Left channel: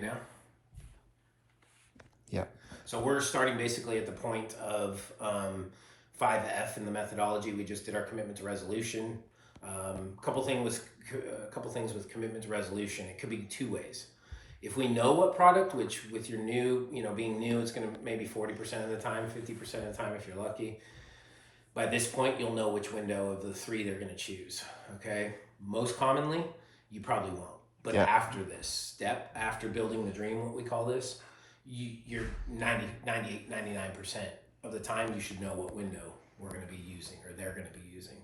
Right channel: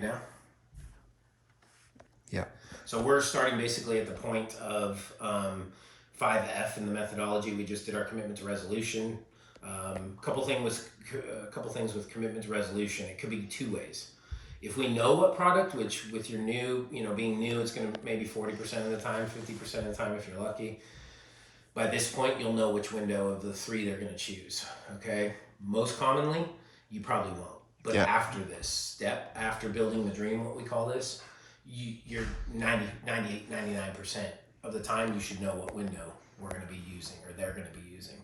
good now? Yeah. So we're starting basically at the point of 5F in the methodology. We just did our commitment to resolution. Couple things with commitment to resolution. It could be two ways. If we know what product, which with your new, being new, it's going to maybe 40% of the time, 50% of the time if you're lucky. By this point, you'll know which window of the three they're going to choose. Okay. Most commonly, you probably won't. But after this step, after building the dream, what we call this, you're 90, 98, 99% of the time you should know what window we're going to be using or they're going to be using.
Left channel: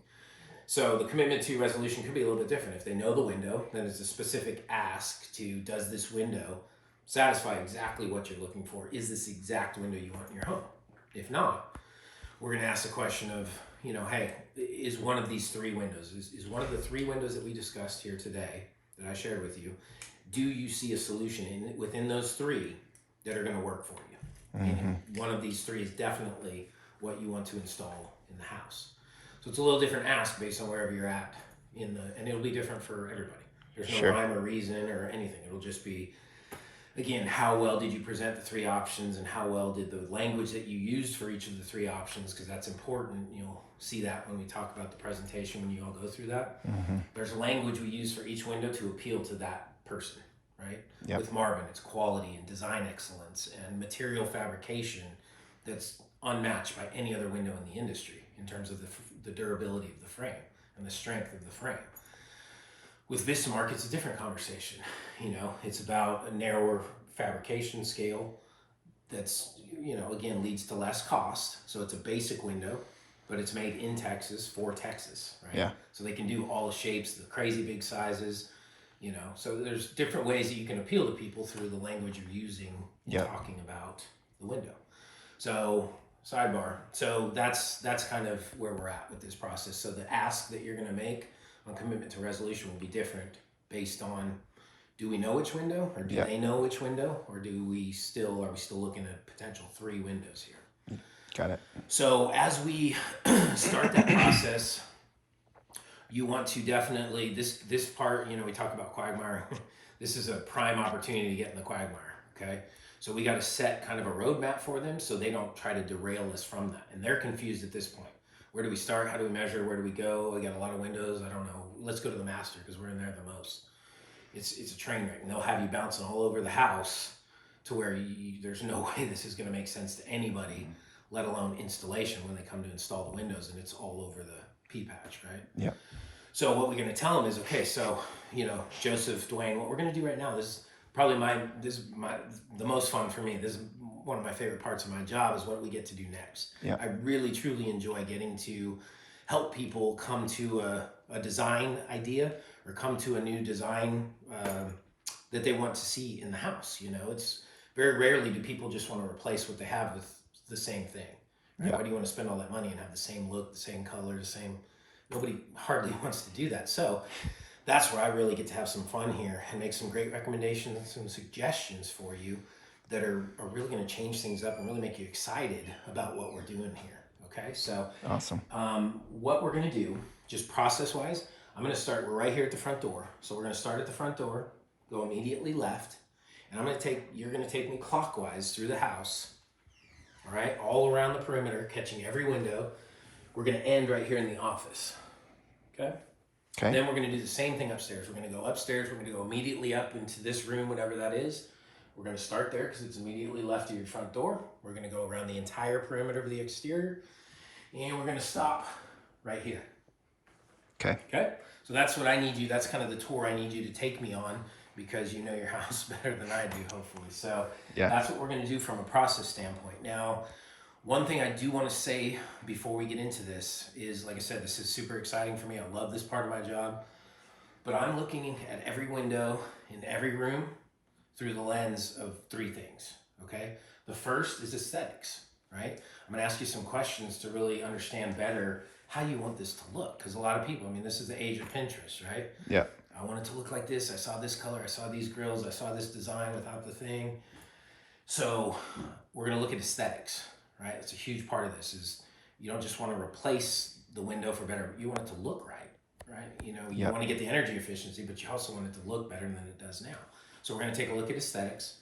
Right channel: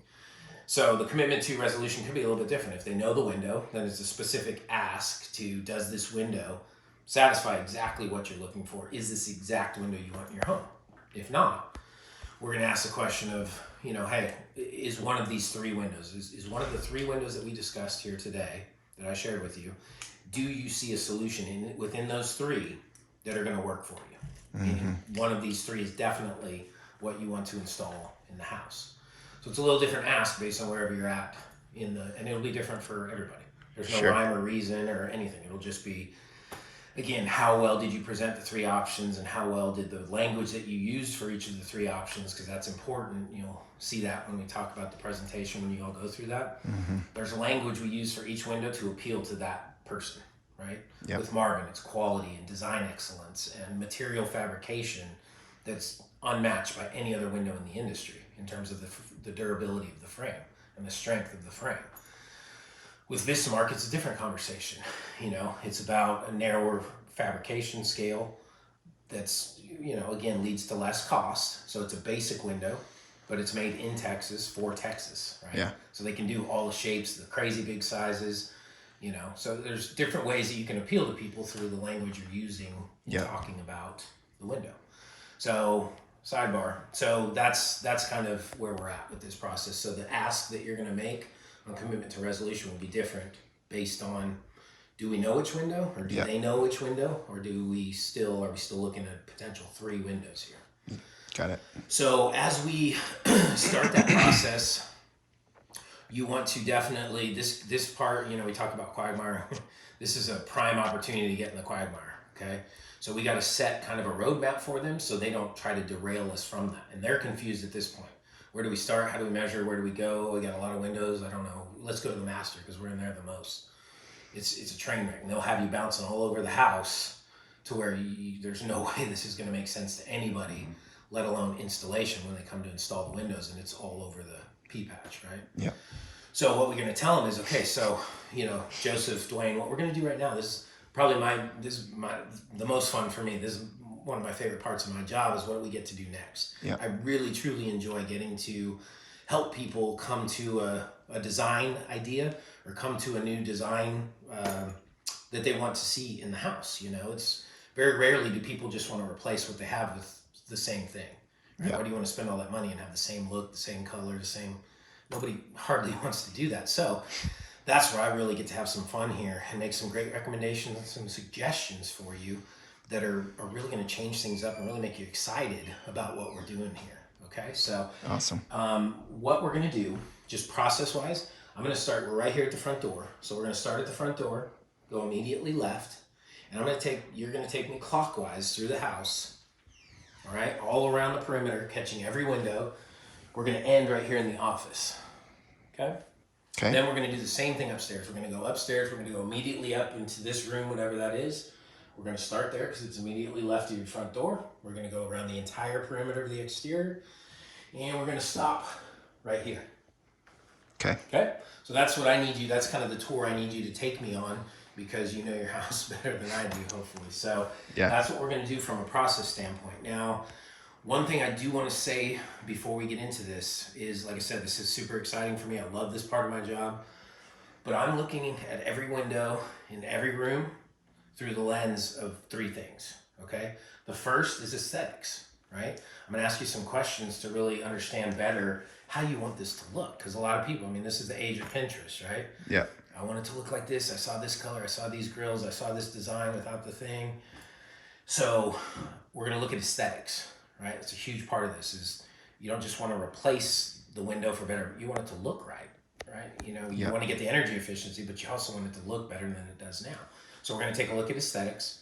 So the commitment to resolution could be a little bit different. If they know the window, then it's a specific ask to, does this window satisfy exactly what you're looking for? Is this exact window you want in your home? If not, we're going to ask the question of, hey, is one of these three windows, is one of the three windows that we discussed here today that I shared with you, do you see a solution within those three that are going to work for you? Mm-hmm. One of these three is definitely what you want to install in the house. So it's a little different ask based on wherever you're at and it'll be different for everybody. There's no rhyme or reason or anything. It'll just be, again, how well did you present the three options and how well did the language that you used for each of the three options, because that's important. You'll see that when we talk about the presentation, when you all go through that. Mm-hmm. There's language we use for each window to appeal to that person, right? Yep. With Marvin, it's quality and design excellence and material fabrication that's unmatched by any other window in the industry in terms of the durability of the frame and the strength of the frame. With Vistamark, it's a different conversation. It's about a narrower fabrication scale that's, again, leads to less cost. So it's a basic window, but it's made in Texas for Texas, right? Yeah. So they can do all the shapes, the crazy big sizes, So there's different ways that you can appeal to people through the language you're using in talking about the window. So sidebar. So that's kind of where we're at with this process. So the ask that you're going to make on commitment to resolution will be different based on, do we know which window, or do they know which window, or are we still looking at potential three windows here? Got it. So as we start that process, you want to definitely, this part, we talk about quagmire. This is a prime opportunity to get in the quagmire, okay? So we got to set kind of a roadmap for them so they don't try to derail us from that. And they're confused at this point. Where do we start? How do we measure? Where do we go? We got a lot of windows. I don't know. Let's go to the master because we're in there the most. It's a train wreck. And they'll have you bouncing all over the house to where there's no way this is going to make sense to anybody, let alone installation when they come to install the windows and it's all over the pea patch, right? Yeah. So what we're going to tell them is, okay, so, Joseph, Dwayne, what we're going to do right now, this is probably the most fun for me. This is one of my favorite parts of my job, is what we get to do next. Yeah. I really, truly enjoy getting to help people come to a design idea or come to a new design that they want to see in the house. It's very rarely do people just want to replace what they have with the same thing. Right? Yeah. Why do you want to spend all that money and have the same look, the same color, nobody hardly wants to do that. So that's where I really get to have some fun here and make some great recommendations and some suggestions for you that are really going to change things up and really make you excited about what we're doing here. Okay, so awesome. What we're going to do, just process-wise, we're right here at the front door. So we're going to start at the front door, go immediately left, and you're going to take me clockwise through the house, all right, all around the perimeter, catching every window. We're going to end right here in the office, okay? Okay. Then we're going to do the same thing upstairs. We're going to go upstairs. We're going to go immediately up into this room, whatever that is. We're going to start there because it's immediately left of your front door. We're going to go around the entire perimeter of the exterior. And we're going to stop right here. Okay. Okay. So that's what I need you. That's kind of the tour I need you to take me on, because you know your house better than I do, hopefully. So that's what we're going to do from a process standpoint. Now, one thing I do want to say before we get into this is, like I said, this is super exciting for me. I love this part of my job. But I'm looking at every window in every room through the lens of three things, okay? The first is aesthetics, right? I'm going to ask you some questions to really understand better how you want this to look. Because a lot of people, this is the age of Pinterest, right? Yeah. I want it to look like this. I saw this color. I saw these grills. I saw this design without the thing. So we're going to look at aesthetics. Right, it's a huge part of this. Is you don't just want to replace the window for better. You want it to look right? You want to get the energy efficiency, but you also want it to look better than it does now. So we're going to take a look at aesthetics.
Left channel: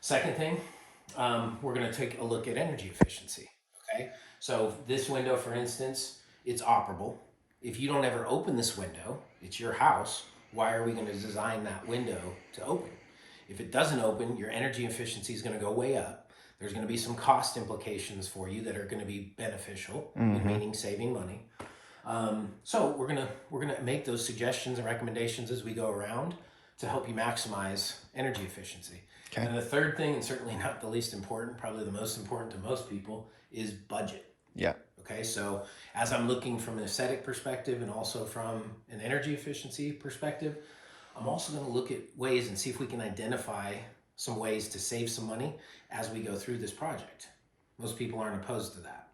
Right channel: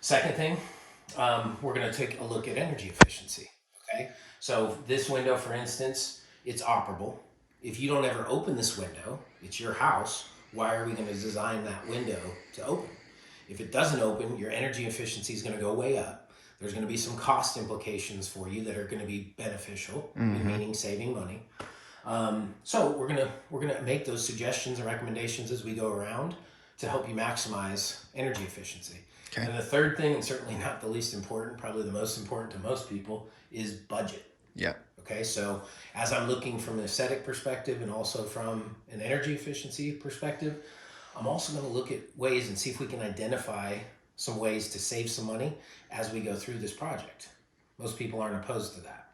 Second thing, we're going to take a look at energy efficiency. Okay, so this window, for instance, it's operable. If you don't ever open this window, it's your house. Why are we going to design that window to open? If it doesn't open, your energy efficiency is going to go way up. There's going to be some cost implications for you that are going to be beneficial, meaning saving money. So we're gonna make those suggestions and recommendations as we go around to help you maximize energy efficiency. Okay. And the third thing, and certainly not the least important, probably the most important to most people, is budget. Yeah. Okay, so as I'm looking from an aesthetic perspective and also from an energy efficiency perspective, I'm also going to look at ways and see if we can identify some ways to save some money as we go through this project. Most people aren't opposed to that.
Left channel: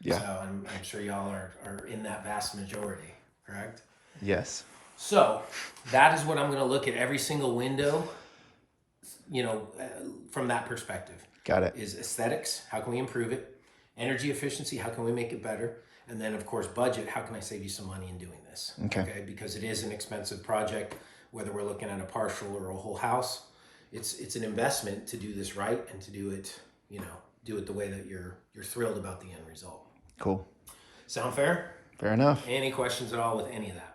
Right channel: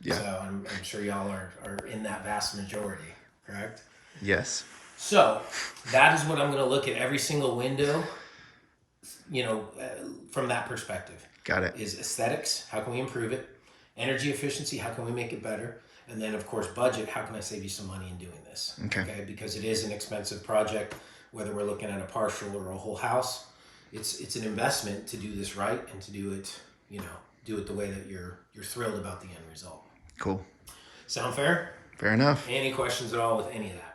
Yeah. So I'm sure y'all are in that vast majority, correct? Yes. So that is what I'm going to look at every single window, from that perspective. Got it. Is aesthetics, how can we improve it? Energy efficiency, how can we make it better? And then, of course, budget, how can I save you some money in doing this? Okay. Because it is an expensive project, whether we're looking at a partial or a whole house. It's an investment to do this right and to do it, do it the way that you're thrilled about the end result. Cool. Sound fair? Fair enough. Any questions at all with any of that?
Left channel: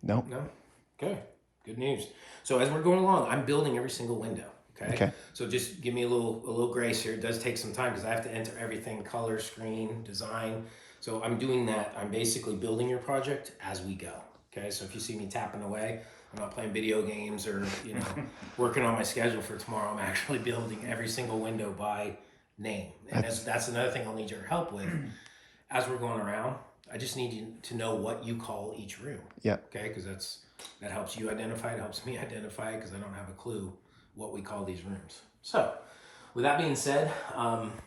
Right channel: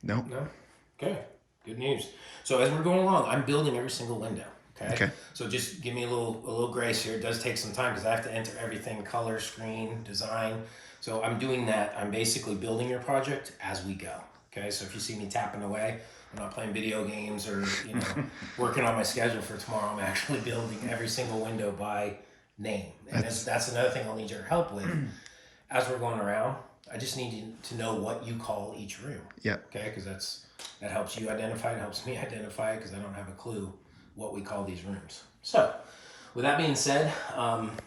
No. No? Okay. Good news. So as we're going along, I'm building every single window. Okay. So just give me a little grace here. It does take some time because I have to enter everything: color, screen, design. So I'm doing that. I'm basically building your project as we go. Okay. So if you see me tapping away, I'm not playing video games or working on my schedule for tomorrow. I'm actually building every single window by name. And that's another thing I'll need your help with. As we're going around, I just need you to know what you call each room. Yeah. Okay. Because that helps you identify. It helps me identify because I don't have a clue what we call these rooms. So with that being said,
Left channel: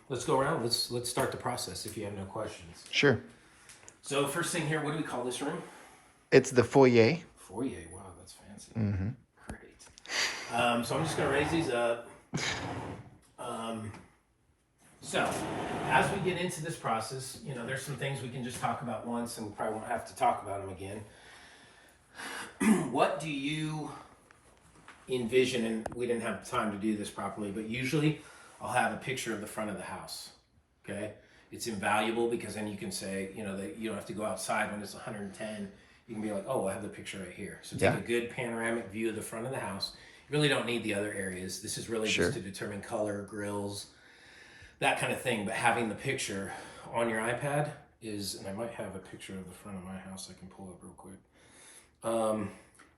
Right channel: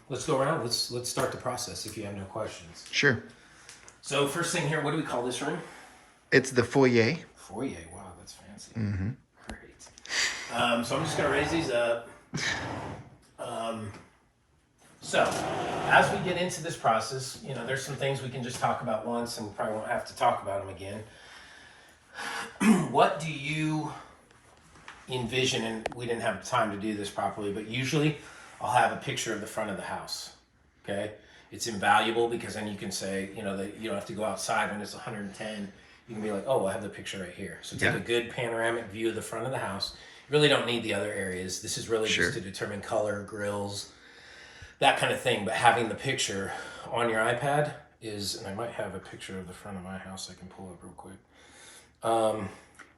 let's go around. Let's start the process if you have no questions. Sure. So first thing here, what do we call this room? It's the foyer. Foyer. Wow, that's fancy. Mm-hmm. Great. So I'm just going to raise these up. So as we get into this process, there's some things we can just talk about once and we probably won't have to talk about them again. What do you envision? And we didn't have time to do this properly, but usually I'll have a picture of the front of the house. Okay. It's invaluable because then you can say, that you don't have to go outside when it's 110. You can be like, oh, I have the picture right here. So take a good panoramic view of the front of the house. You really don't need the other areas. This is really just to determine color, grills, that kind of thing. But having the picture on your iPad and I might have a picture of the front of my house I can pull up real quick. So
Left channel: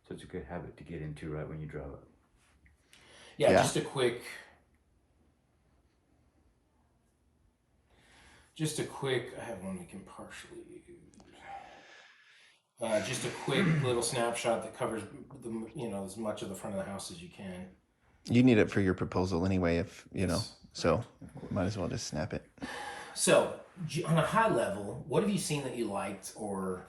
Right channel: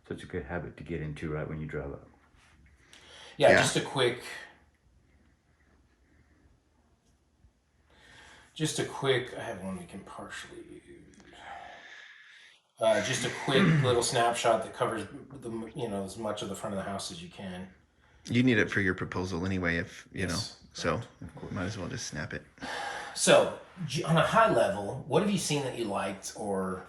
it's a good habit to get into right when you drive up. Yeah, just a quick, I have one we can partially use. Just a quick little snapshot that covers as much of the front of the house as you can. You need it for your proposal anyway, if so might as well just snap it. So on a high level, what have you seen that you liked, or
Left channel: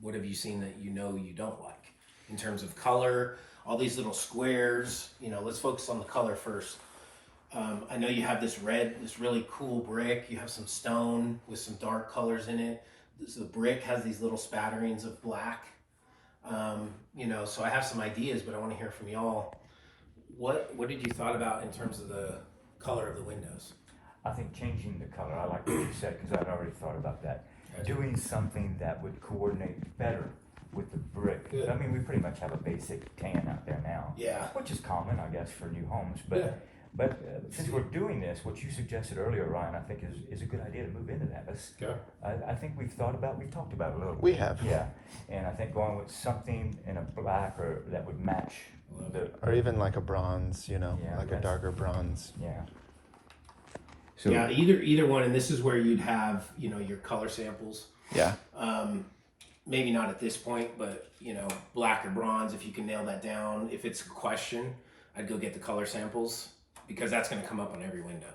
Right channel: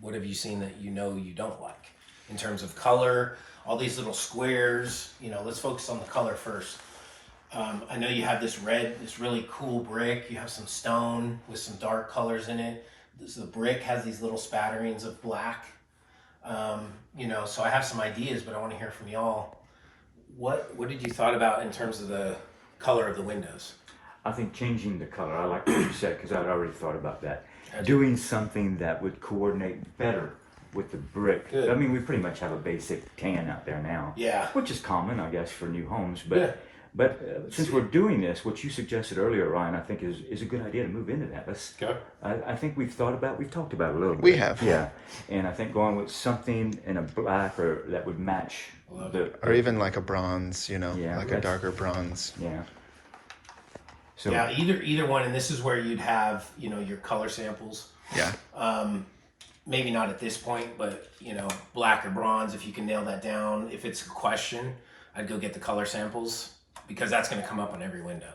what have you seen that you don't like in terms of color? All these little squares, let's focus on the color first. I know you have this really cool brick. You have some stone with some dark colors in it. The brick has these little spatterings of black. So I have some ideas, but I want to hear from y'all. What did you thought about in terms of the color of the windows? I think changing the color, I like what you said because I'd already thought about that. Doing something that would coordinate better with the brick. Good. I mean, we pretty much have a basic tan out there now. Yeah. Which is common, I guess, for new homes. But since we're doing this, what you suggested earlier, Ryan, I think is a good idea to move into that. I think we've talked about it a little bit. We have. Yeah. And I think going with something in a black or that would match or even like a bronze, a darker bronze. Yeah. So either one, and this is where you'd have, your color samples. Yeah. Maybe not at this point, but black or bronze, if you can nail that down. If it's a question, I'd go get the color samples because that's going to come up on every window.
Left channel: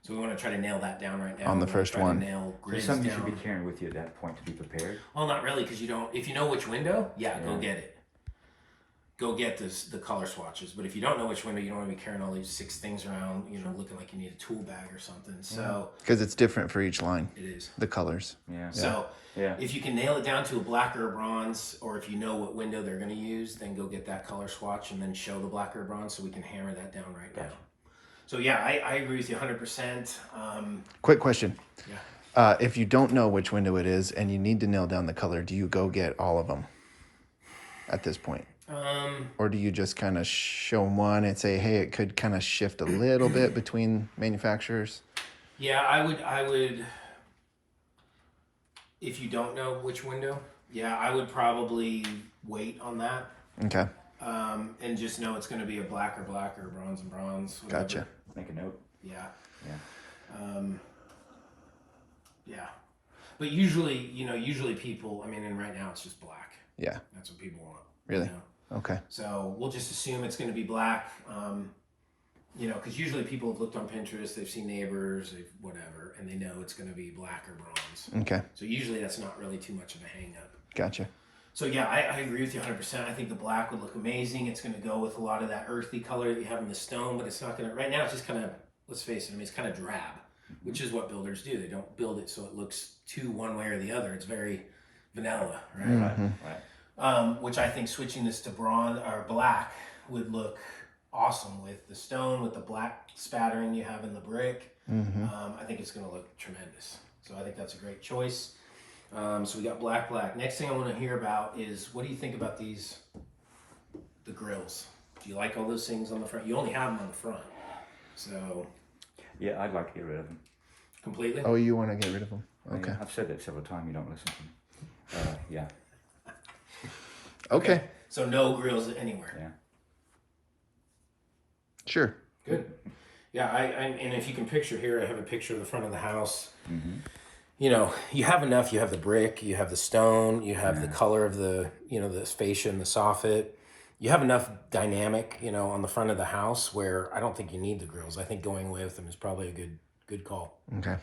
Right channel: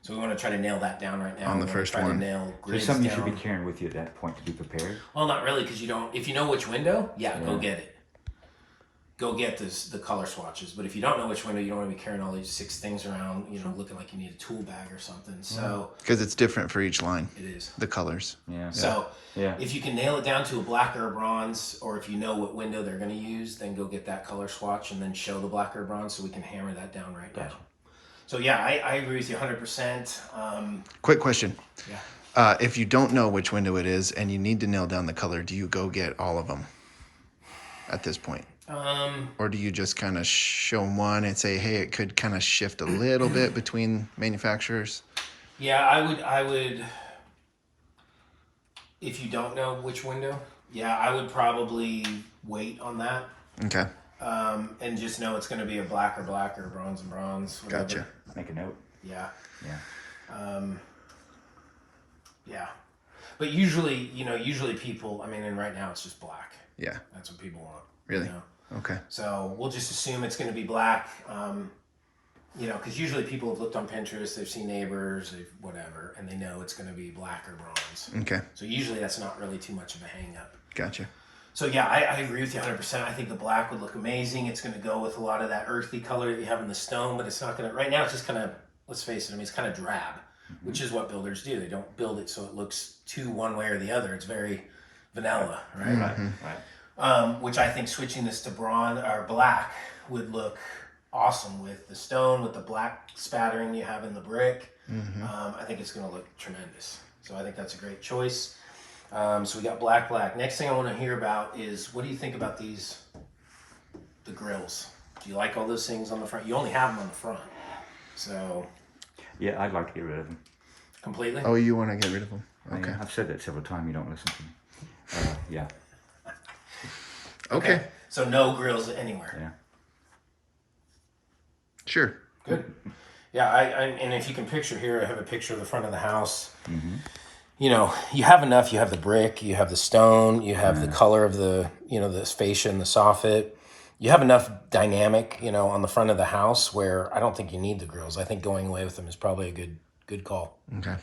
So we want to try to nail that down right now. On the first one. There's something you should be carrying with you at that point to be prepared. Well, not really, because if you know which window, go get it. go get the color swatches. But if you don't know which window, you don't want to be carrying all these 6 things around, looking like you need a tool bag or something. So Because it's different for each line. it is. The colors. Yeah. So Yeah. if you can nail it down to a black or a bronze, or if you know what window they're going to use, then go get that color swatch and then show the black or bronze so we can hammer that down right now. So yeah, I agree with you 100%. Quick question. Yeah. If you don't know which window it is and you need to nail down the color, do you go get all of them at this point? Or do you just kind of show them one and say, hey, it could kind of shift a little bit between manufacturers? Yeah, I would, if you don't know which window, I would probably wait on that. Okay. And just know it's going to be a black or bronze and bronze. Whatever. Gotcha. Make a note. Yeah. Yeah. Yeah. But usually people, and right now it's just black. Yeah. That's what people want. Really? Okay. So we'll just assume it's going to be black, because usually people have looked on Pinterest, they've seen neighbors, whatever, and they know it's going to be black or bronze. Okay. So usually that's not really too much of a hang up. Gotcha. So yeah, I agree with you 100%. I think the black would look amazing. It's going to go with a lot of that earthy color that you have in the stone, but it's not going to, right now it's just kind of, let's face it, it's kind of drab, which is what builders do. They don't build it so it looks too one way or the other. It's very vanilla, right? Mm-hmm. Right. Which I think switching this to bronze or black would look awesome with the stone, with the black spattering you have in the brick. Mm-hmm. I think it's going to look tremendous. So I think that's a great choice. So we got black. Next thing I want to hear about is, what do you think about the grills? Do you like all those things on the front? You only have them on the front. So. Yeah, I'd like to get rid of them. Completely? Oh, you want to get rid of them? Okay. I've said that several times. You don't listen to me. Yeah. Okay. So no grills anywhere. Yeah. Sure. Good. Yeah, and if you can picture here, I have a picture of the front of the house. Mm-hmm. You have enough. You have the brick, you have the stone, you have the color of the fascia and the soffit. You have enough dynamic, on the front of the house where I don't think you need the grills. I think going away with them is probably a good call. Okay.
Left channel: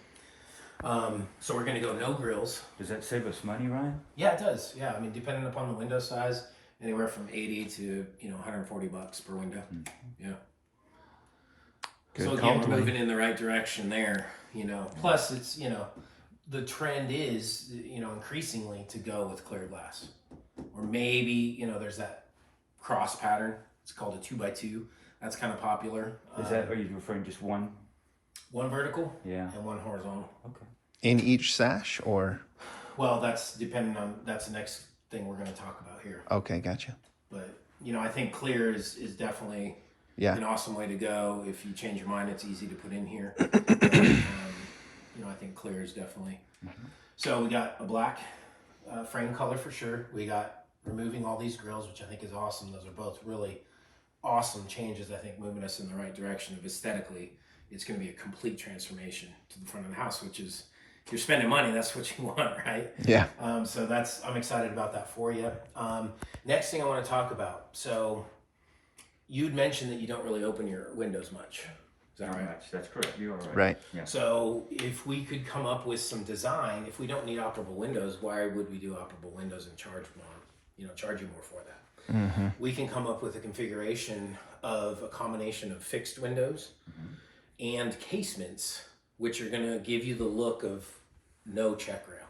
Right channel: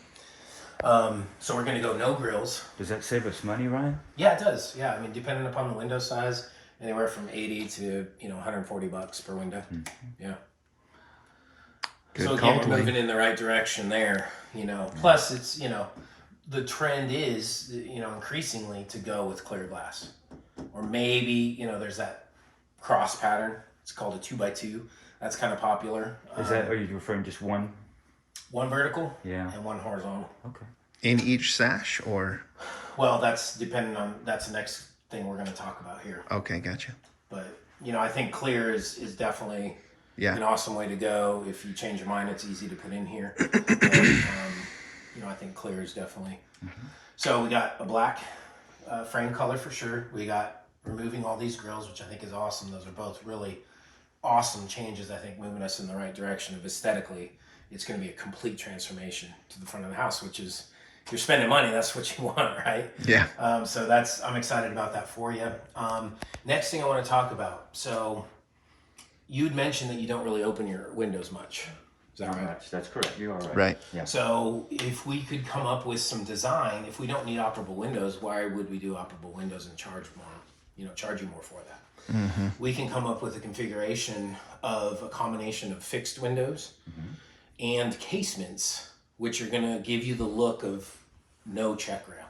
So we're going to go no grills. Does that save us money, Ryan? Yeah, it does. Yeah, depending upon the window size, anywhere from $80 to $140 per window. Mm-hmm. Yeah. Good so call, again, we're Dwayne. moving in the right direction there. Plus it's the trend is increasingly to go with clear glass, or maybe there's that cross pattern. It's called a 2x2. That's kind of popular. Are you referring just one? One vertical, Yeah, and one horizontal. Okay. In each sash, or? Well, that's the next thing we're going to talk about here. Okay, gotcha. But I think clear is definitely an awesome way to go. If you change your mind, it's easy to put in here. But, I think clear is definitely. Mm-hmm. So we got a black frame color for sure. We got removing all these grills, which I think is awesome. Those are both really awesome changes. I think moving us in the right direction of aesthetically. It's going to be a complete transformation to the front of the house, which is, if you're spending money, that's what you want, right? Yeah. So I'm excited about that for you. Next thing I want to talk about. So you'd mentioned that you don't really open your windows much. Is that right? That's correct. You are right. Right. Yeah. So if we could come up with some design, if we don't need operable windows, why would we do operable windows and charge you more for that? Mm-hmm. We can come up with a configuration of a combination of fixed windows and casements, which are going to give you the look of no check rail,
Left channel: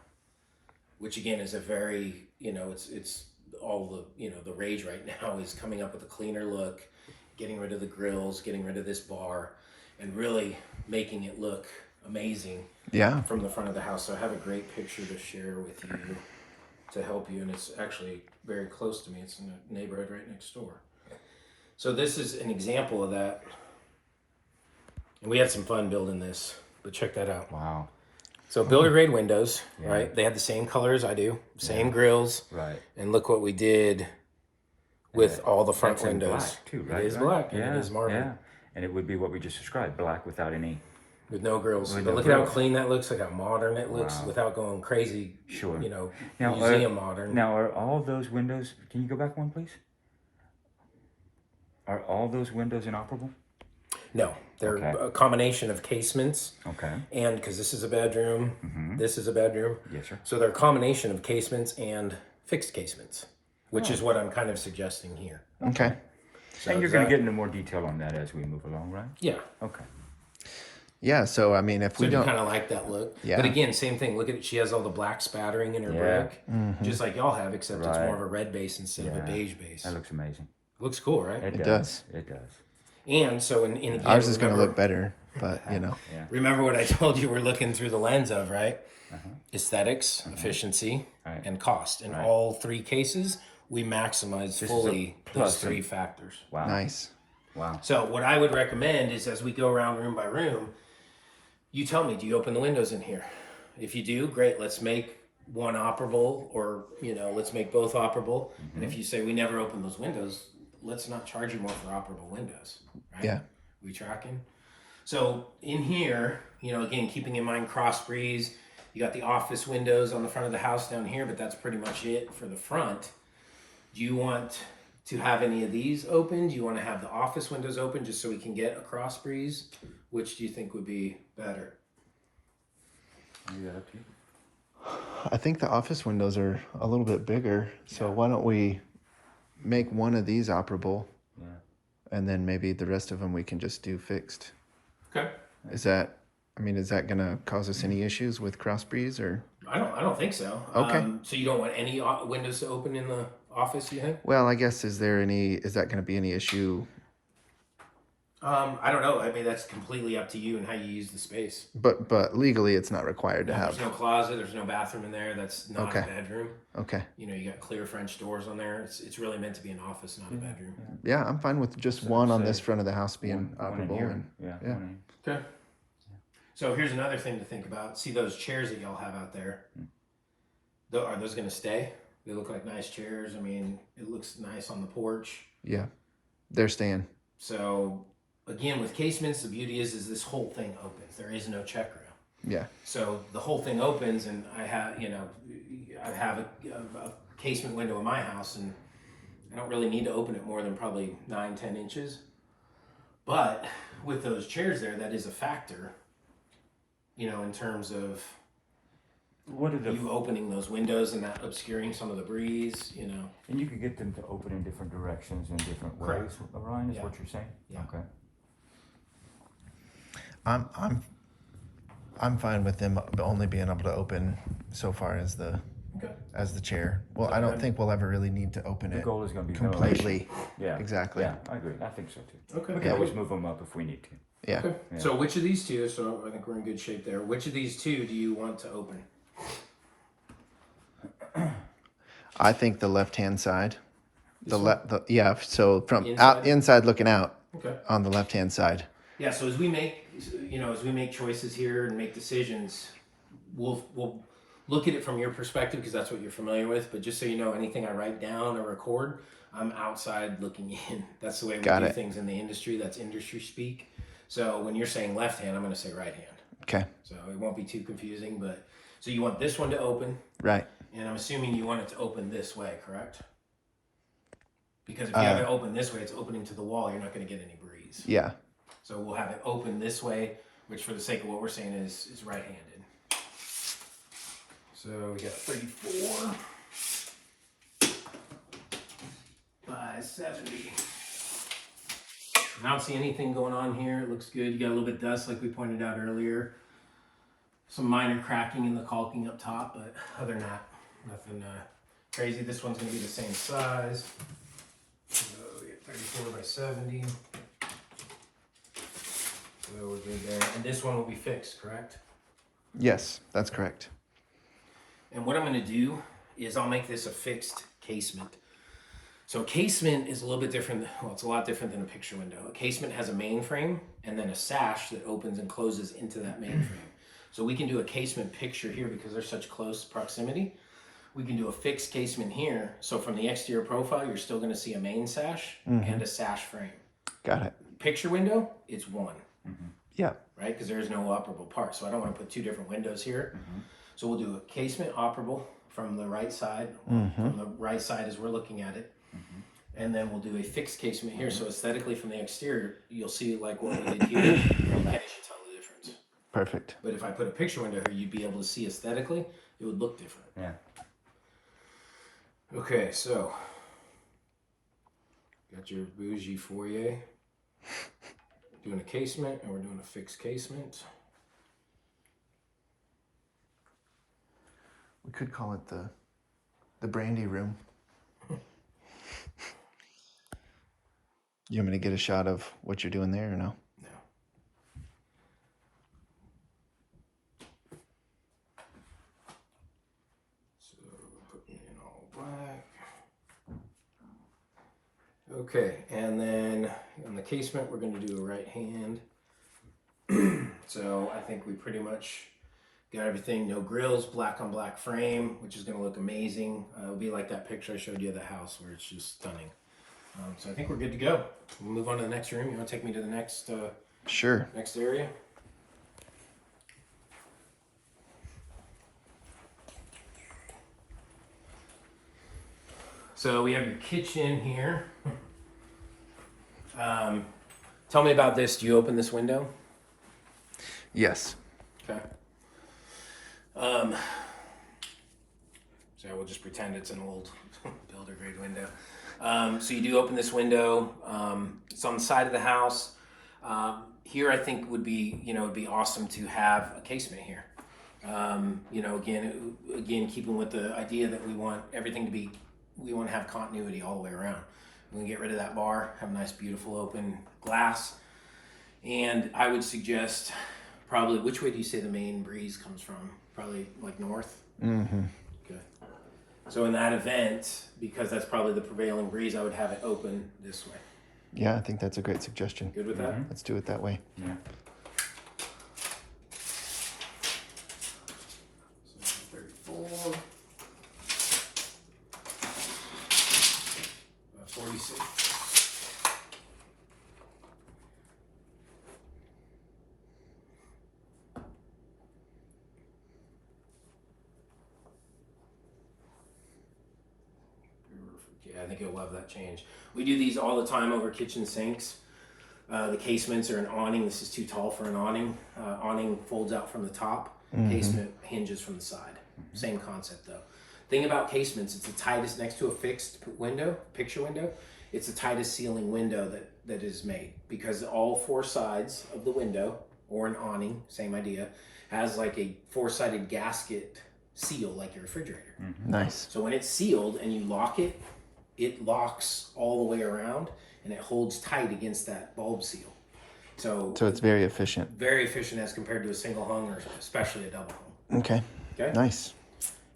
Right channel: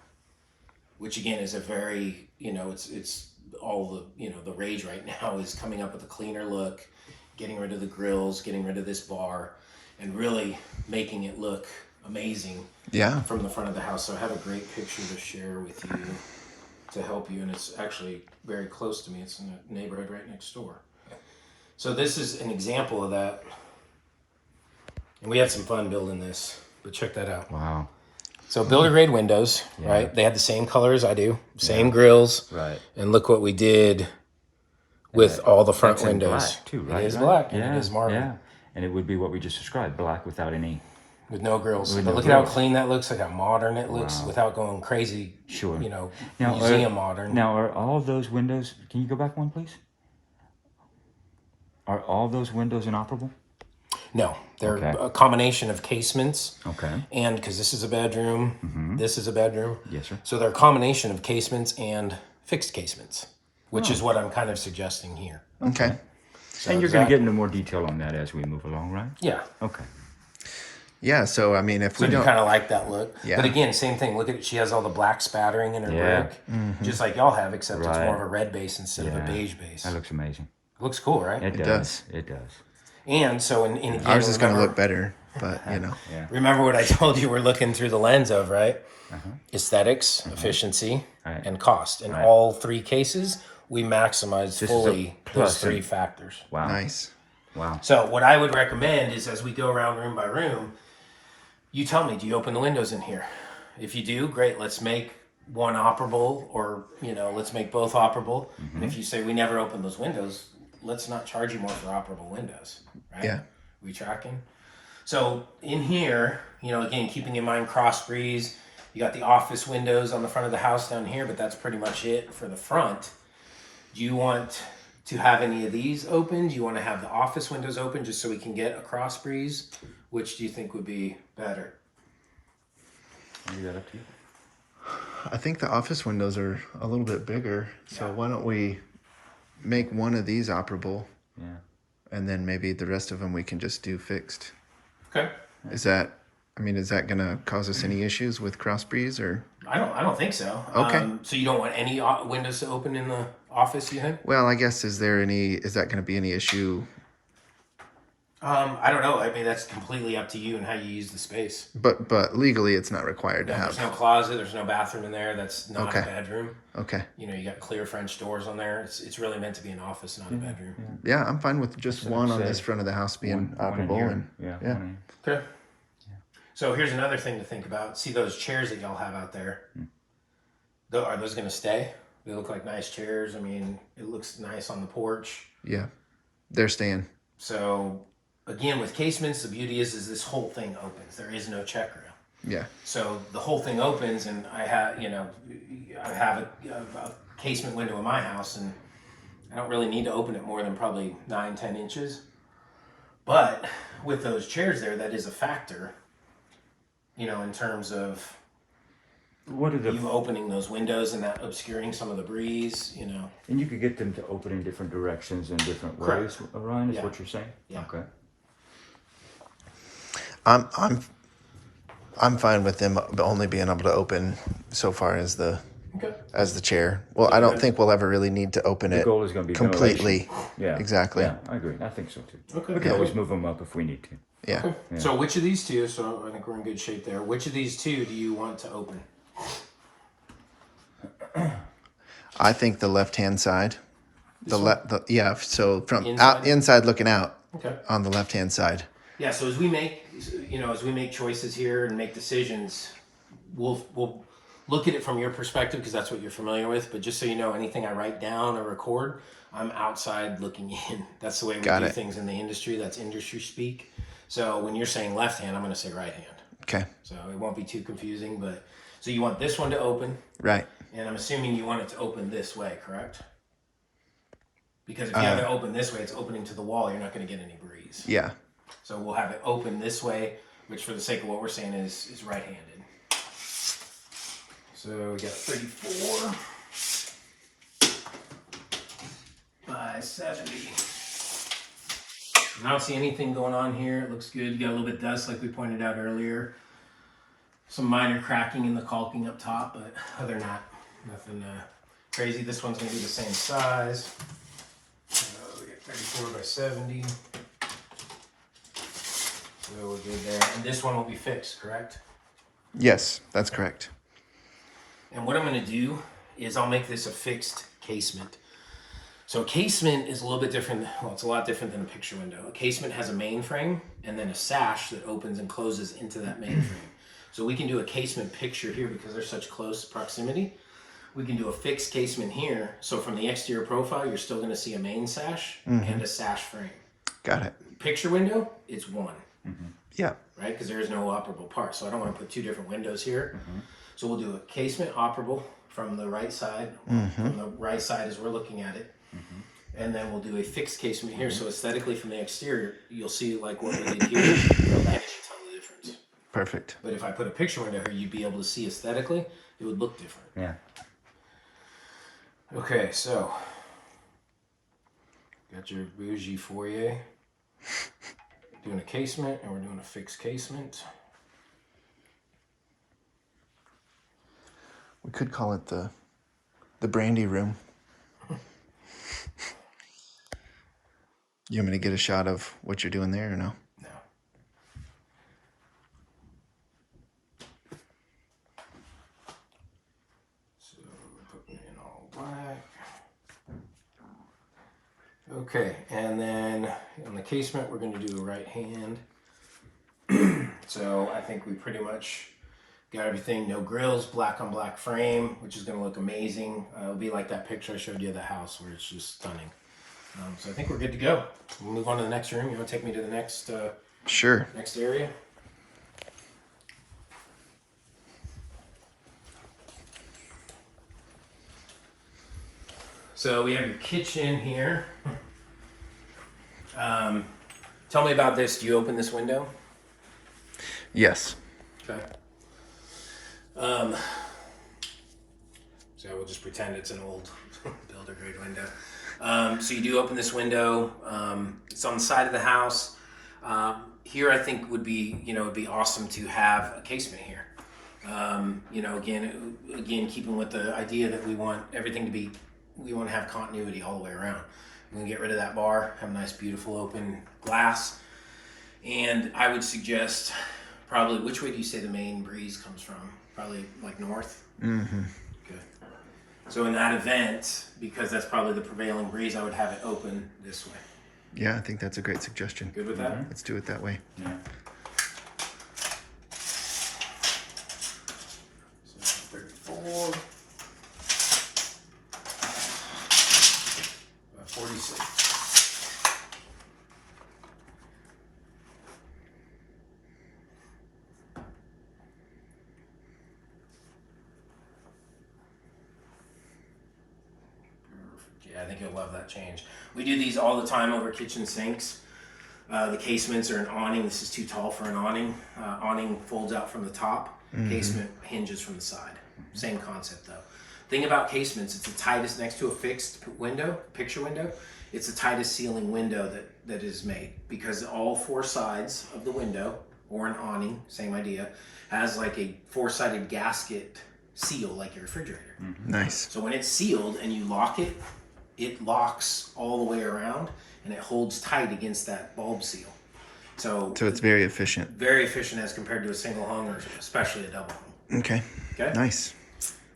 which again is a very, it's all the rage right now is coming up with a cleaner look, getting rid of the grills, getting rid of this bar, and really making it look amazing from the front of the house. So I have a great picture to share with you to help you, and it's actually very close to me. It's in a neighborhood right next door. So this is an example of that. And we had some fun building this, but check that out. Wow. So builder grade windows, right? They have the same color as I do, same grills. Right. And look what we did with all the front That's in windows. black too, right? It is black. Yeah. And it is marble. Yeah. And it would be what we just described, black without any. With no grills. With But no look at how grills. clean that looks, look how modern it looks without going crazy, Sure. Now, museum modern. Now, are all of those windows, can you go back one, please? Are all those windows inoperable? No, they're Okay. a combination of casements, Okay. and because this is a bedroom, this is a bedroom. Yes, sir. So they're a combination of casements and fixed casements. which is what I'm kind of suggesting here. Okay. So And you're is going that- to get into more detail on that as we move along, right? Yeah. Okay. Yeah. So I mean, if So we you don't, kind of like that look. Yeah. But again, same thing. Look at it. She has all the black spattering in her Yeah. brick, just like y'all have, except it's Right. more of a red base instead of a Yeah. beige base. That looks amazing. Looks cool, right? It does. It does. And so in again, ours is going to remember- look better, but you know. Yeah. Remember what I told you we're looking through the lens of, right? Aesthetics, efficiency, Right. and cost. In Right. all three cases, we maximize is a fully those plus three in- factors. Wow. Nice. Wow. So what I would recommend is as we go around room by room, you tell me, do you open the windows in here? If you do, great, let's make one operable, or let's make both operable. And if you say we never open those windows, let's not charge you more for operable windows, right? Yeah. We tracking? So in here, again, keeping in mind cross breeze, you got the office windows on the front of the house down here, but that's pretty much it for the front. Do you want to have any of these open? Do you want to have the office windows open just so we can get a cross breeze? Which do you think would be better? Leave that up to you. I think the office windows are a little bit bigger, so why don't we make one of these operable, Yeah. and then maybe the rest of them we can just do fixed. Okay. Is that going to cause us any issues with cross breeze or? I don't think so. Okay. So you don't want any windows to open in the office, you think? Well, I guess is that going to be any issue? I don't know. I mean, that's completely up to you and how you use the space. But legally, it's not required to There's have. no closet. There's no bathroom in there. That's not Okay. a bedroom. Okay. You got clear French doors on there. It's really meant to be an office, not a bedroom. Yeah, I'm fine with just one on say this front of the house being One in operable, here. and Yeah. yeah. one Okay. So here's another thing to think about. See those chairs that y'all have out there? Are those going to stay? They look like nice chairs. I mean, it looks nice on the porch. yeah, they're staying. So again, with casements, the beauty is this whole thing opens. There is no check rail. Yeah. So the whole thing opens, and I have a casement window in my house, and I don't really need to open it more than probably 9-10 inches. But with those chairs there, that is a factor, in terms of What are the you opening those windows and that obscuring some of the breeze, And you could get them to open in different directions in different Correct. ways, Orion, is Yeah. what you're saying? Yeah. Okay. I'm fine with them only being able to open so far as the chair. Well, I don't think we'll ever really need to open The it goal is going to be completely. ventilation. Yeah. Exactly. Yeah, I agree. I think so too. Okay. We can always move them up if we need to. Yeah. Yeah. So which of these two, so I think we're in good shape there, which of these two do you want to open? I think the left-hand side. So from Inside? inside looking out Okay. on the left-hand side. Yeah, so as we make choices here and make decisions, we'll look at it from your perspective because that's what you're familiar with. But just so you know, anything I write down or record, I'm outside looking in. That's the way we Got do it. things in the industry. That's industry speak. So when you're saying left hand, I'm going to say right hand. Okay. So it won't be too confusing. But so you want this one to open, Right. and I'm assuming you want it to open this way, correct? Because if you have it open this way, it's opening to the wall. You're not going to get any breeze. Yeah. So we'll have it open this way, which for the sake of what we're saying is right-handed. So we got 34 by 70. I don't see anything going on here. It looks good. You got a little bit of dust like we pointed out earlier. Some minor cracking in the caulking up top, but other than that, nothing crazy. This one's going to be the same size. So we got 34 by 70. So we're good there. And this one will be fixed, correct? Yes, that's correct. And what I'm going to do is I'll make this a fixed casement. So a casement is a little bit different. Well, it's a lot different than a picture window. A casement has a main frame and then a sash that opens and closes into that main frame. So we can do a casement picture here because they're such close proximity. We can do a fixed casement here. So from the exterior profile, you're still going to see a main sash and a sash frame. Got it. Picture window, it's one. Yeah. Right? Because there is no operable part. So I don't want to put two different windows here. So we'll do a casement operable from the right side. From the right side as we're looking at it. And then we'll do a fixed casement here. So aesthetically from the exterior, you'll see like what we did here. You'll get a ton of difference. Perfect. But if I put a picture window here, you'd be able to see aesthetically, it would look different. Yeah. Okay, so Got your bougie foyer. Doing a casement, and we're doing a fixed casement. We could call it the brandy room. You want me to get a shot of what you're doing there or no? No. So we're putting in all black. Okay, and then on the casement, we're going to do a right hand. So I think we pretty much got everything. No grills, black on black frame, which is going to look amazing. It'll be like that picture I showed you of the house where it's just stunning. So I think we're good to go. We'll move on to the next room. You want to take me to the next Sure. next area? So we have your kitchen here. Tell me about this. Do you open this window? Yes. Okay. So we'll just pretend it's an old builder grade window. So you do open this window. It's on the side of the house. Here I think would be, it'd be awesome to have a casement here. Again, keeping with the idea that we want everything to be, we want to have continuity all the way around. We're gonna get rid of that bar, have a nice, beautiful open glass. And I would suggest probably, which way do you say the main breeze comes from? Probably like north? Mm-hmm. Good. So in that event, because that's probably the prevailing breeze, I would have it open this way. Yeah, I think that's a great suggestion. Good with that? Let's do it that way. Yeah. So 34. About 46. Yeah, I think you'll love that change. We do these all the time over kitchen sinks. The casements are an awning. This is too tall for an awning. Awning folds out from the top. Casement hinges from the side. Same concept though. Thing about casements, it's the tightest next to a fixed window, picture window. It's the tightest ceiling window that is made because all four sides of the window, or an awning, same idea, has like a four-sided gasket seal like your refrigerator. Nice. So when it's sealed and you lock it, it locks all the way around and it holds tight against that bulb seal. So it's very efficient. very efficient as compared to a single hung or especially a double hung. Okay. Okay. Nice.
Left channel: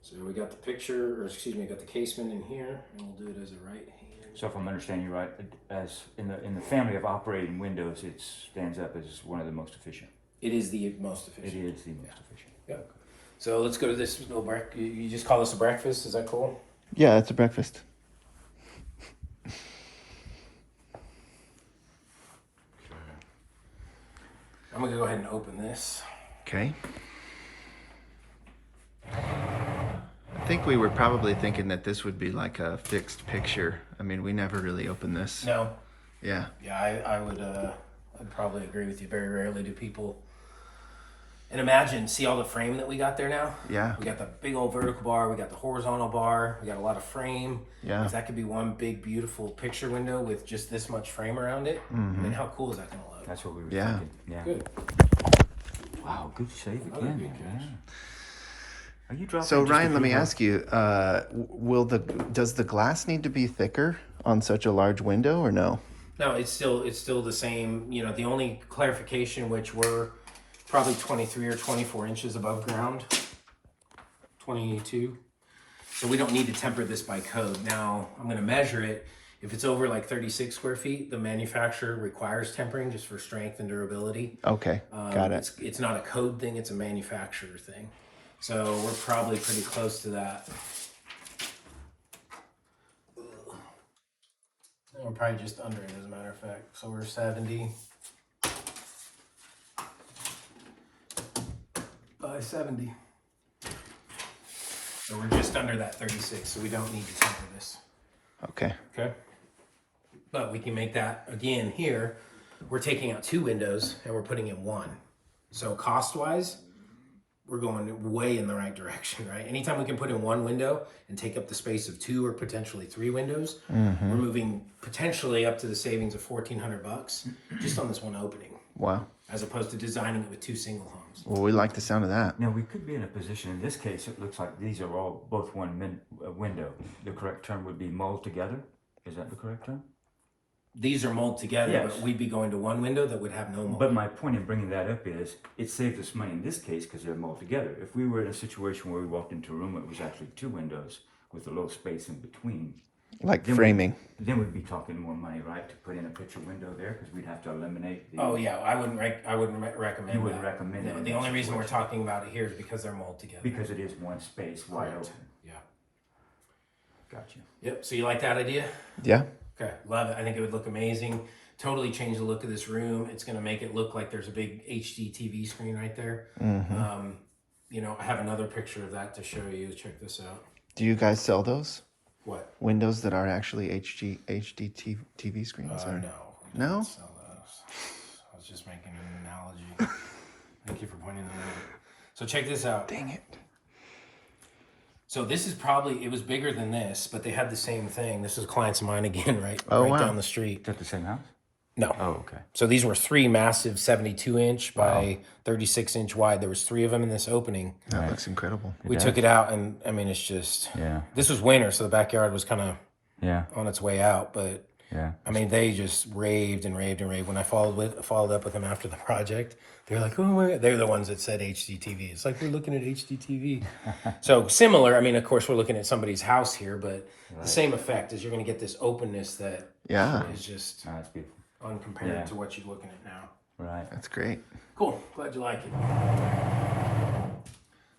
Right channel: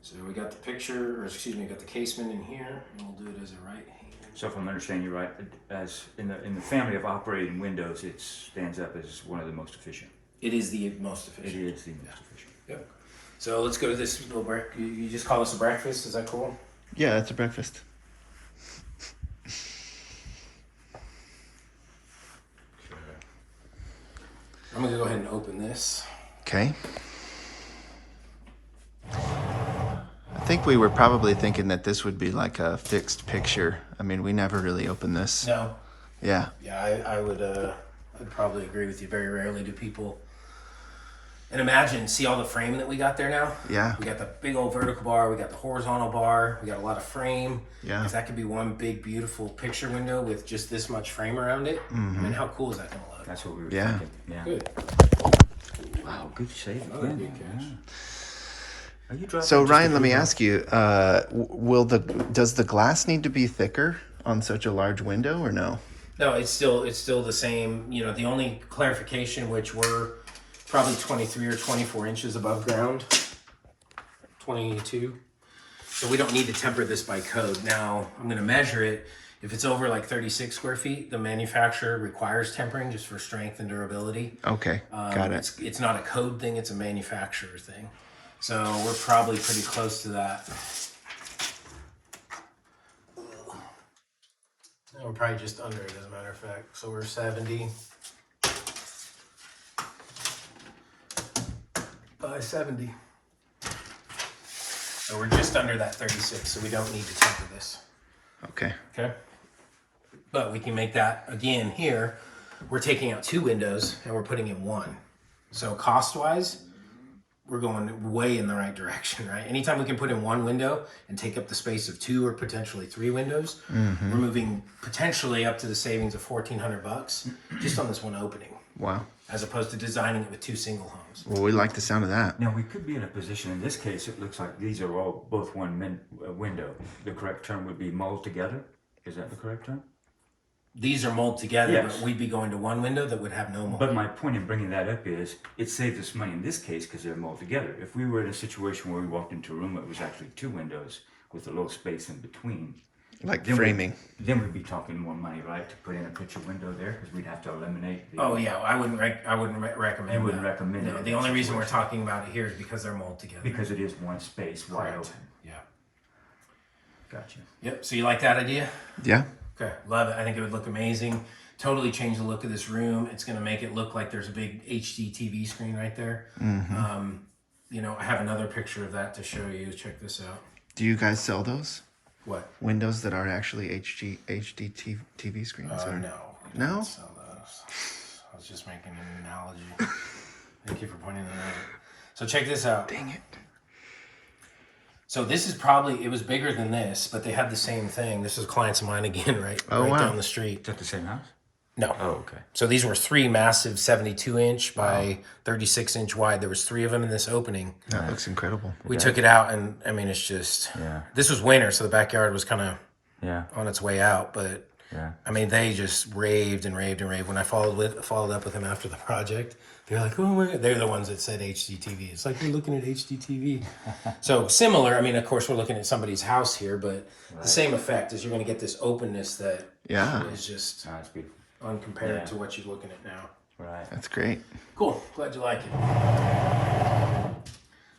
So we got the picture, or excuse me, we got the casement in here, and we'll do it as a right hand. So if I'm understanding you right, as in the family of operating windows, it stands up as one of the most efficient. It is the most efficient. It is the most efficient. Yep. So let's go to this little break. You just call this a breakfast? Is that cool? Yeah, it's a breakfast. I'm gonna go ahead and open this. Okay. I think we were probably thinking that this would be like a fixed picture. I mean, we never really opened this. No. Yeah. Yeah, I would I'd probably agree with you. Very rarely do people. And imagine, see all the frame that we got there now? Yeah. We got the big old vertical bar, we got the horizontal bar, we got a lot of frame. Yeah. If that could be one big, beautiful picture window with just this much frame around it, I mean, how cool is that going to look? That's what we were Yeah. thinking. Yeah. Good. Wow, good save Another again. good catch. Yeah. Are you dropping So just Ryan, a let me few more? ask you: does the glass need to be thicker on such a large window, or no? No, it's still the same. The only clarification, which we're probably 23 or 24 inches above ground, 22. So we don't need to temper this by code. Now I'm going to measure it. If it's over like 36 square feet, the manufacturer requires tempering just for strength and durability. Okay, got it. It's not a code thing; it's a manufacturer thing. So we're probably pretty close to that. And we're probably just under it, as a matter of fact. So we're 70 by 70. So we're just under that 36. So we don't need to temper this. Okay. Okay. But we can make that again here. We're taking out two windows and we're putting in one. So cost-wise, we're going way in the right direction, right? Anytime we can put in one window and take up the space of 2 or potentially 3 windows, we're moving potentially up to the savings of $1,400 just on this one opening. Wow. As opposed to designing it with 2 single homes. Well, we like the sound of that. Now we could be in a position. In this case, it looks like these are all both one window. The correct term would be mold together. Is that the correct term? These are mold together, Yes. but we'd be going to one window that would have no mold. But my point in bringing that up is it saves us money in this case because they're mold together. If we were in a situation where we walked into a room that was actually 2 windows with a little space in between, Like then framing. then we'd be talking more money, right, to put in a picture window there because we'd have to eliminate the. Oh yeah, I wouldn't recommend. You wouldn't that. recommend No, it in the that only reason we're situation. talking about it here is because they're mold together. Because it is one space wide Correct. open. Yeah. Gotcha. Yep. So you like that idea? Yeah. Okay. Love it. I think it would look amazing. Totally change the look of this room. It's going to make it look like there's a big HD TV screen right there. You know, I have another picture of that to show you. Check this out. Do you guys sell those? What? Windows that are actually HD TV screens? or? No. we No? don't sell those. I was just making an analogy. Thank you for pointing that out. So check this out. Dang it. So this is probably, it was bigger than this, but they had the same thing. This is clients of mine again, right? Oh, right wow. down the street. Is that the same house? No. Oh, okay. So these were 3 massive 72-inch by 36-inch wide. There was 3 of them in this opening. That looks incredible. We took it out, and I mean, it's just, Yeah. this was winter, so the backyard was kind of Yeah. on its way out. But Yeah. I mean, they just raved and raved and raved. When I followed up with them after the project, they're like, "Oh, they're the ones that said HDTV." It's like we're looking at HDTV. So similar. I mean, of course, we're looking at somebody's house here, but the same effect is you're going to get this openness that Yeah. is just Oh, that's beautiful. uncompared to what you're looking at now. Right. That's great. Cool. Glad you like it.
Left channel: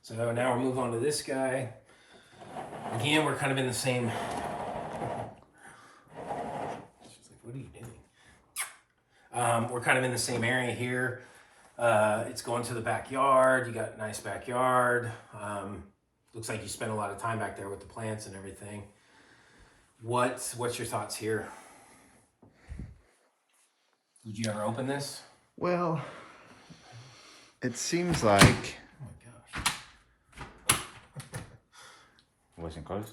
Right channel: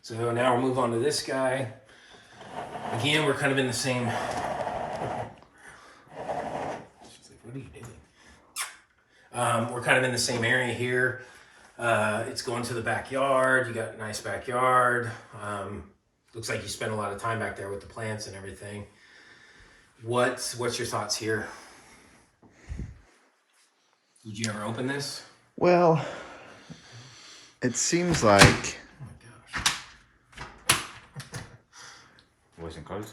So now we'll move on to this guy. Again, we're kind of in the same. She's like, what are you doing? We're kind of in the same area here. It's going to the backyard. You got a nice backyard. Looks like you spent a lot of time back there with the plants and everything. What's your thoughts here? Would you ever open this? Well, it seems like Oh my gosh. Wasn't close.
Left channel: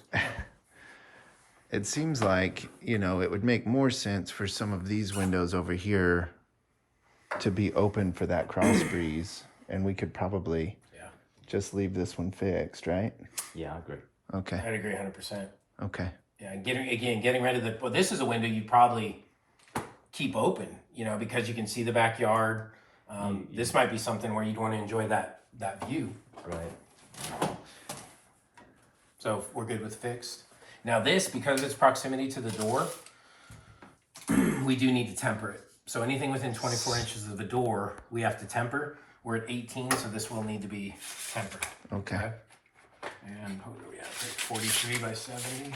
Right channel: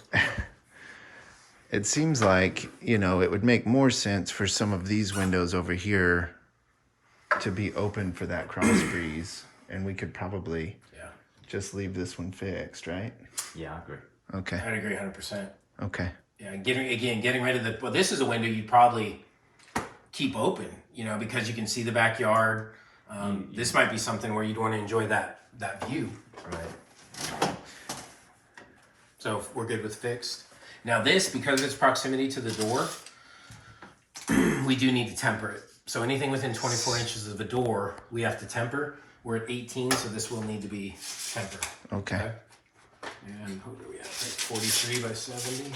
it would make more sense for some of these windows over here to be open for that cross breeze, and we could probably just leave this one fixed, right? Yeah, I agree. Okay. I'd agree 100%. Okay. Yeah, getting rid of the. Well, this is a window you'd probably keep open, because you can see the backyard. This might be something where you'd want to enjoy that view. Right. So we're good with fixed. Now this, because of its proximity to the door, we do need to temper it. So anything within 24 inches of the door, we have to temper. We're at 18, so this will need to be tempered. Okay. And what are we at? 43 by 70.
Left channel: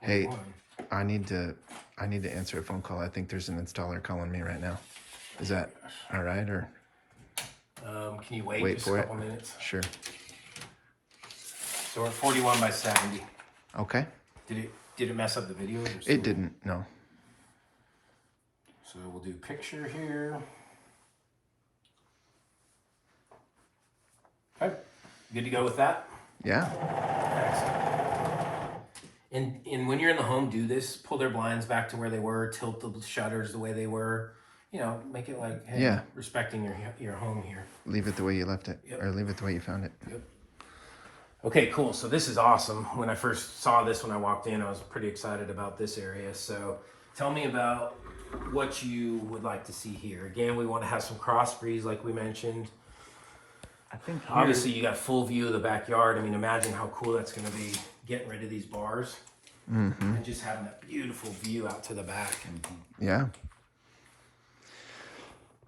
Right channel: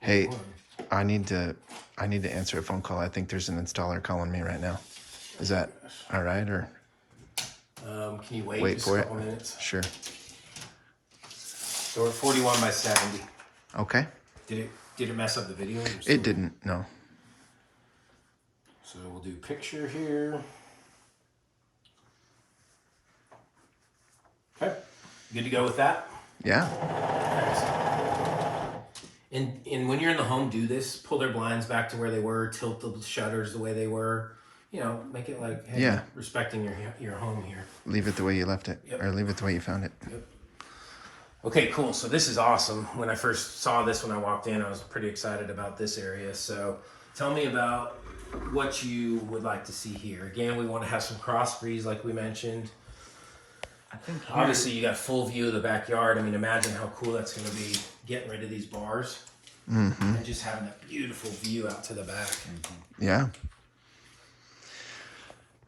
Hey, I need to answer a phone call. I think there's an installer calling me right now. Is that all right, or Can you wait just for a it? couple minutes? Sure. So we're at 41 by 70. Okay. Did it mess up the video? It didn't. No. So we'll do picture here. Okay, good to go with that. Yeah. And when you're in the home, do this. Pull their blinds back to where they were. Tilt the shutters the way they were. Make it like, hey, Yeah. respecting your home here. Leave it the way you left it, Yep. or leave it the way you found it. Yep. Okay, cool. So this is awesome. When I first saw this, when I walked in, I was pretty excited about this area. So tell me about what you would like to see here. Again, we want to have some cross breeze like we mentioned. I think Obviously, you got full view of the backyard. I mean, imagine how cool that's going to be getting rid of these bars and just having that beautiful view out to the back. Yeah.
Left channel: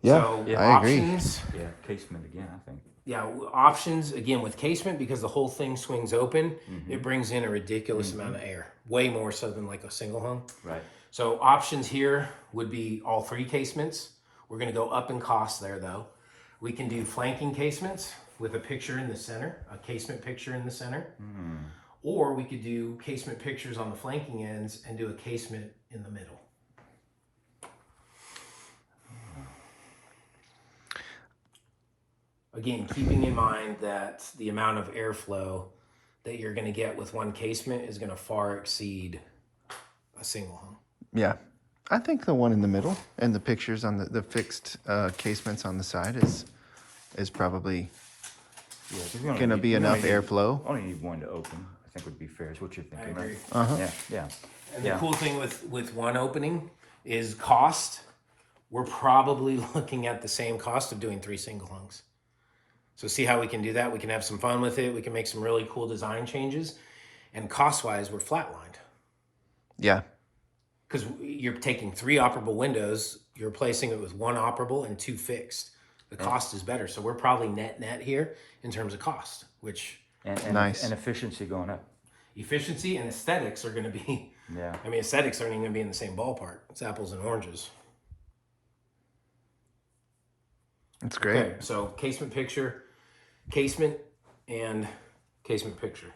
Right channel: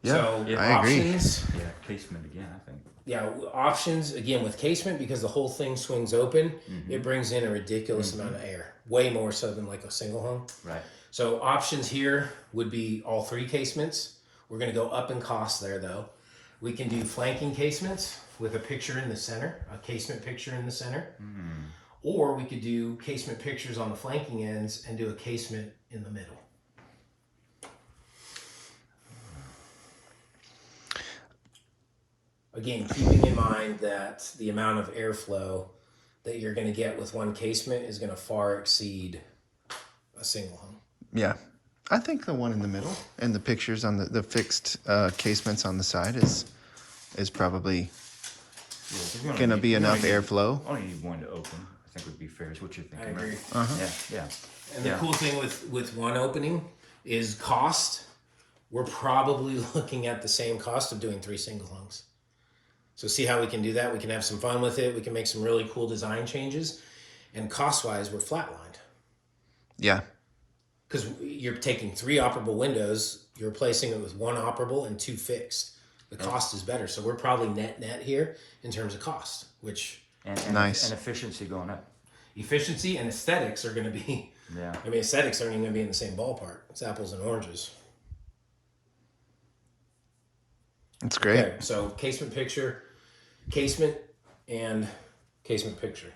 Yeah, So I agree. options, casement again, I think. yeah, options again with casement, because the whole thing swings open. It brings in a ridiculous amount of air, way more so than like a single home. Right. So options here would be all 3 casements. We're going to go up in cost there though. We can do flanking casements with a picture in the center, a casement picture in the center. Or we could do casement pictures on the flanking ends and do a casement in the middle. Again, keeping in mind that the amount of airflow that you're going to get with one casement is going to far exceed a single home. Yeah. I think the one in the middle and the pictures on the fixed casements on the side is probably going to be enough airflow. Only need one to open, I think would be fair, is what you're thinking. I agree. Uh-huh. Yeah. And the cool thing with one opening is cost. We're probably looking at the same cost of doing 3 single homes. So see how we can do that. We can have some fun with it. We can make some really cool design changes. And cost-wise, we're flatlined. Yeah. Because you're taking 3 operable windows, you're replacing it with 1 operable and 2 fixed. The cost is better. So we're probably net here in terms of cost, which... And nice. And efficiency going up. Efficiency and aesthetics are going to be... Yeah. I mean, aesthetics aren't even going to be in the same ballpark. It's apples and oranges. That's great. Okay, so casement picture, casement, and casement picture.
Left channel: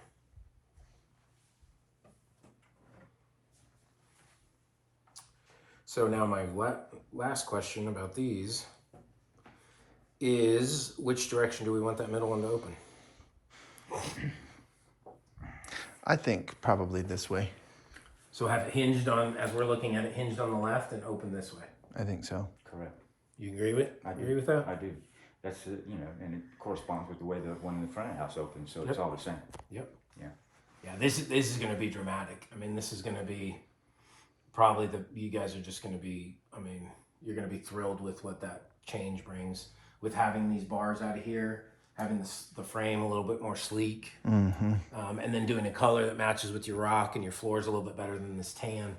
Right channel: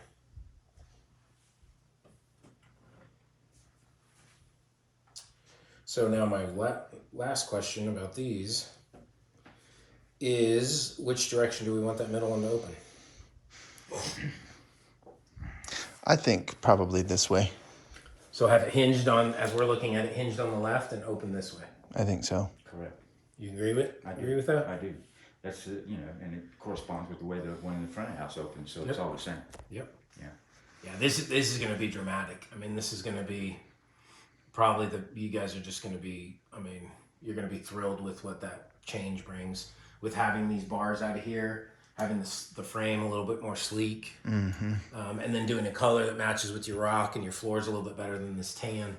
So now my last question about these is, which direction do we want that middle one to open? I think probably this way. So have it hinged on, as we're looking at it, hinged on the left and open this way. I think so. Correct. You agree with? Agree with that? I do. That's and it corresponds with the way the one in the front of the house opens, so it's all the same. Yep. Yeah. Yeah. This is going to be dramatic. I mean, this is going to be probably you guys are just going to be. I mean, you're going to be thrilled with what that change brings with having these bars out of here, having the frame a little bit more sleek, Mm-hmm. And then doing a color that matches with your rock and your floor is a little bit better than this tan.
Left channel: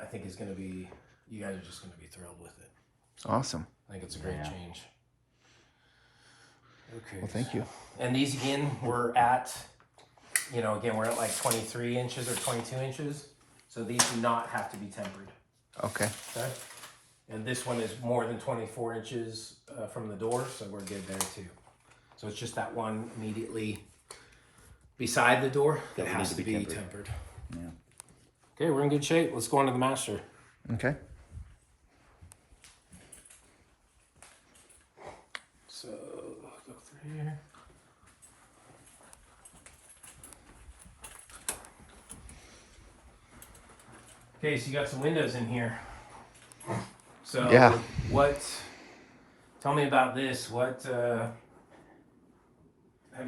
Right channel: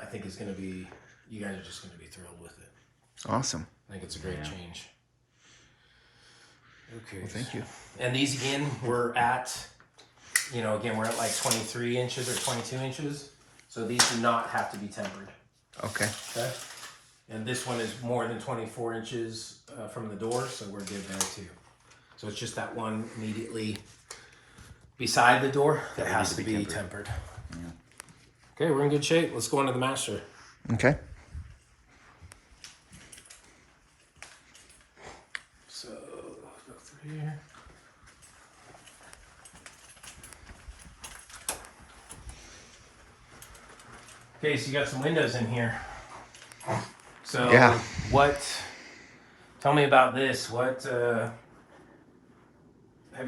I think is going to be. You guys are just going to be thrilled with it. Awesome. I think it's a great change. Okay. Well, thank you. And these again, we're at like 23 inches or 22 inches. So these do not have to be tempered. Okay. Okay. And this one is more than 24 inches from the door, so we're good there too. So it's just that one immediately beside the door that has to be tempered. Yeah. Okay, we're in good shape. Let's go on to the master. Okay. So go through here. Okay, so you got some windows in here. So Yeah. Tell me about this. What have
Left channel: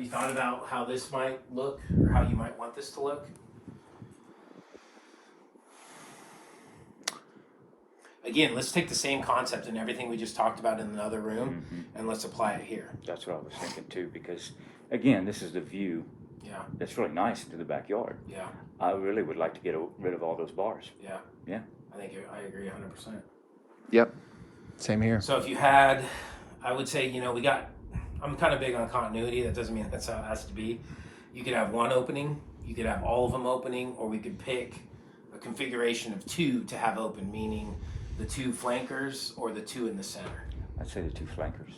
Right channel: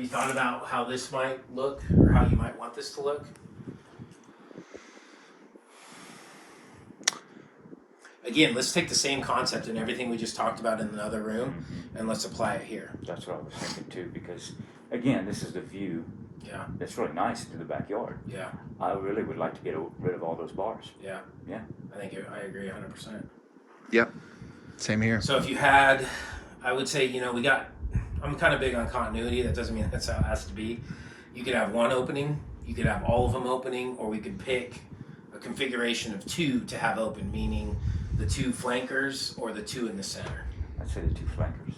you thought about how this might look or how you might want this to look? Again, let's take the same concept and everything we just talked about in the other room and let's apply it here. That's what I was thinking too, because again, this is the view. Yeah. It's really nice into the backyard. Yeah. I really would like to get rid of all those bars. Yeah. Yeah. I agree 100%. Yep. Same here. So if you had, I would say, I'm kind of big on continuity. That doesn't mean that's how it has to be. You could have one opening, you could have all of them opening, or we could pick a configuration of 2 to have open, meaning the 2 flankers or the 2 in the center. I'd say the 2 flankers.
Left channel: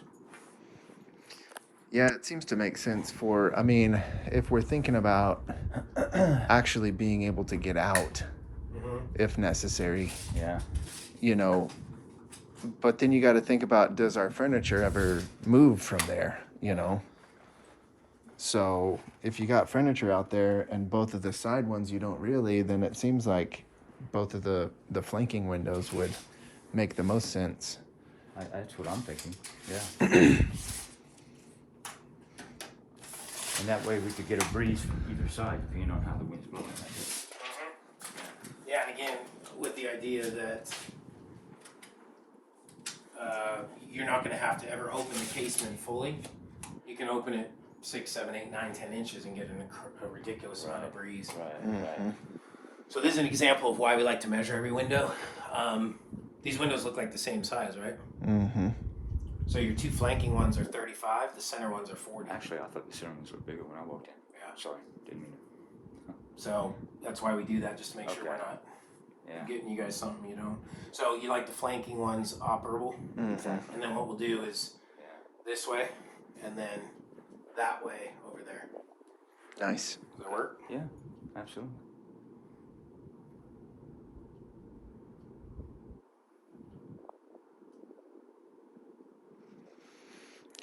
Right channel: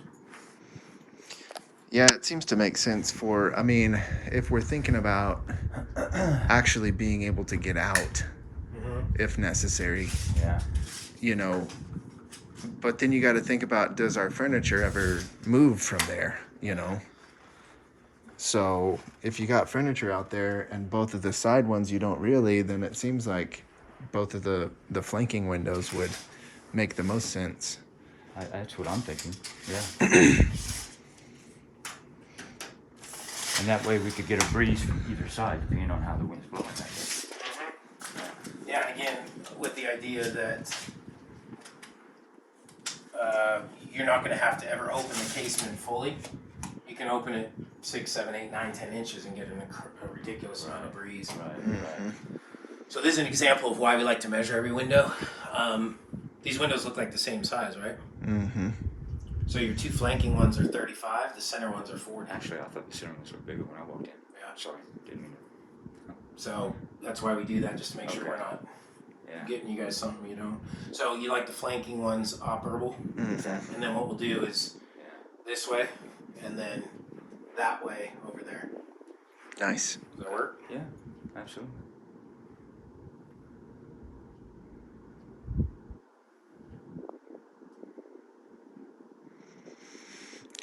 Yeah, it seems to make sense if we're thinking about actually being able to get out if necessary, Yeah. But then you got to think about, does our furniture ever move from there, So if you got furniture out there and both of the side ones you don't really, then it seems like both of the flanking windows would make the most sense. That's what I'm thinking. Yeah. And that way we could get a breeze from either side, depending on how the wind's blowing. Yeah, and again, with the idea that you're not going to have to ever open the casement fully. You can open it 6, 7, 8, 9, 10 inches and get a ridiculous amount of breeze. Right. So this is an example of why we like to measure every window. These windows look like the same size, right? Mm-hmm. So your 2 flanking ones are 35, the center ones are 40. Actually, I thought the center ones were bigger when I walked in. Yeah. Sorry, didn't mean So that's why we do that, just to make sure we're not getting you guys something you don't. So you like the flanking ones operable, and then what we'll do is this way, and then that way over there. Nice. Does that work? Yeah, absolutely.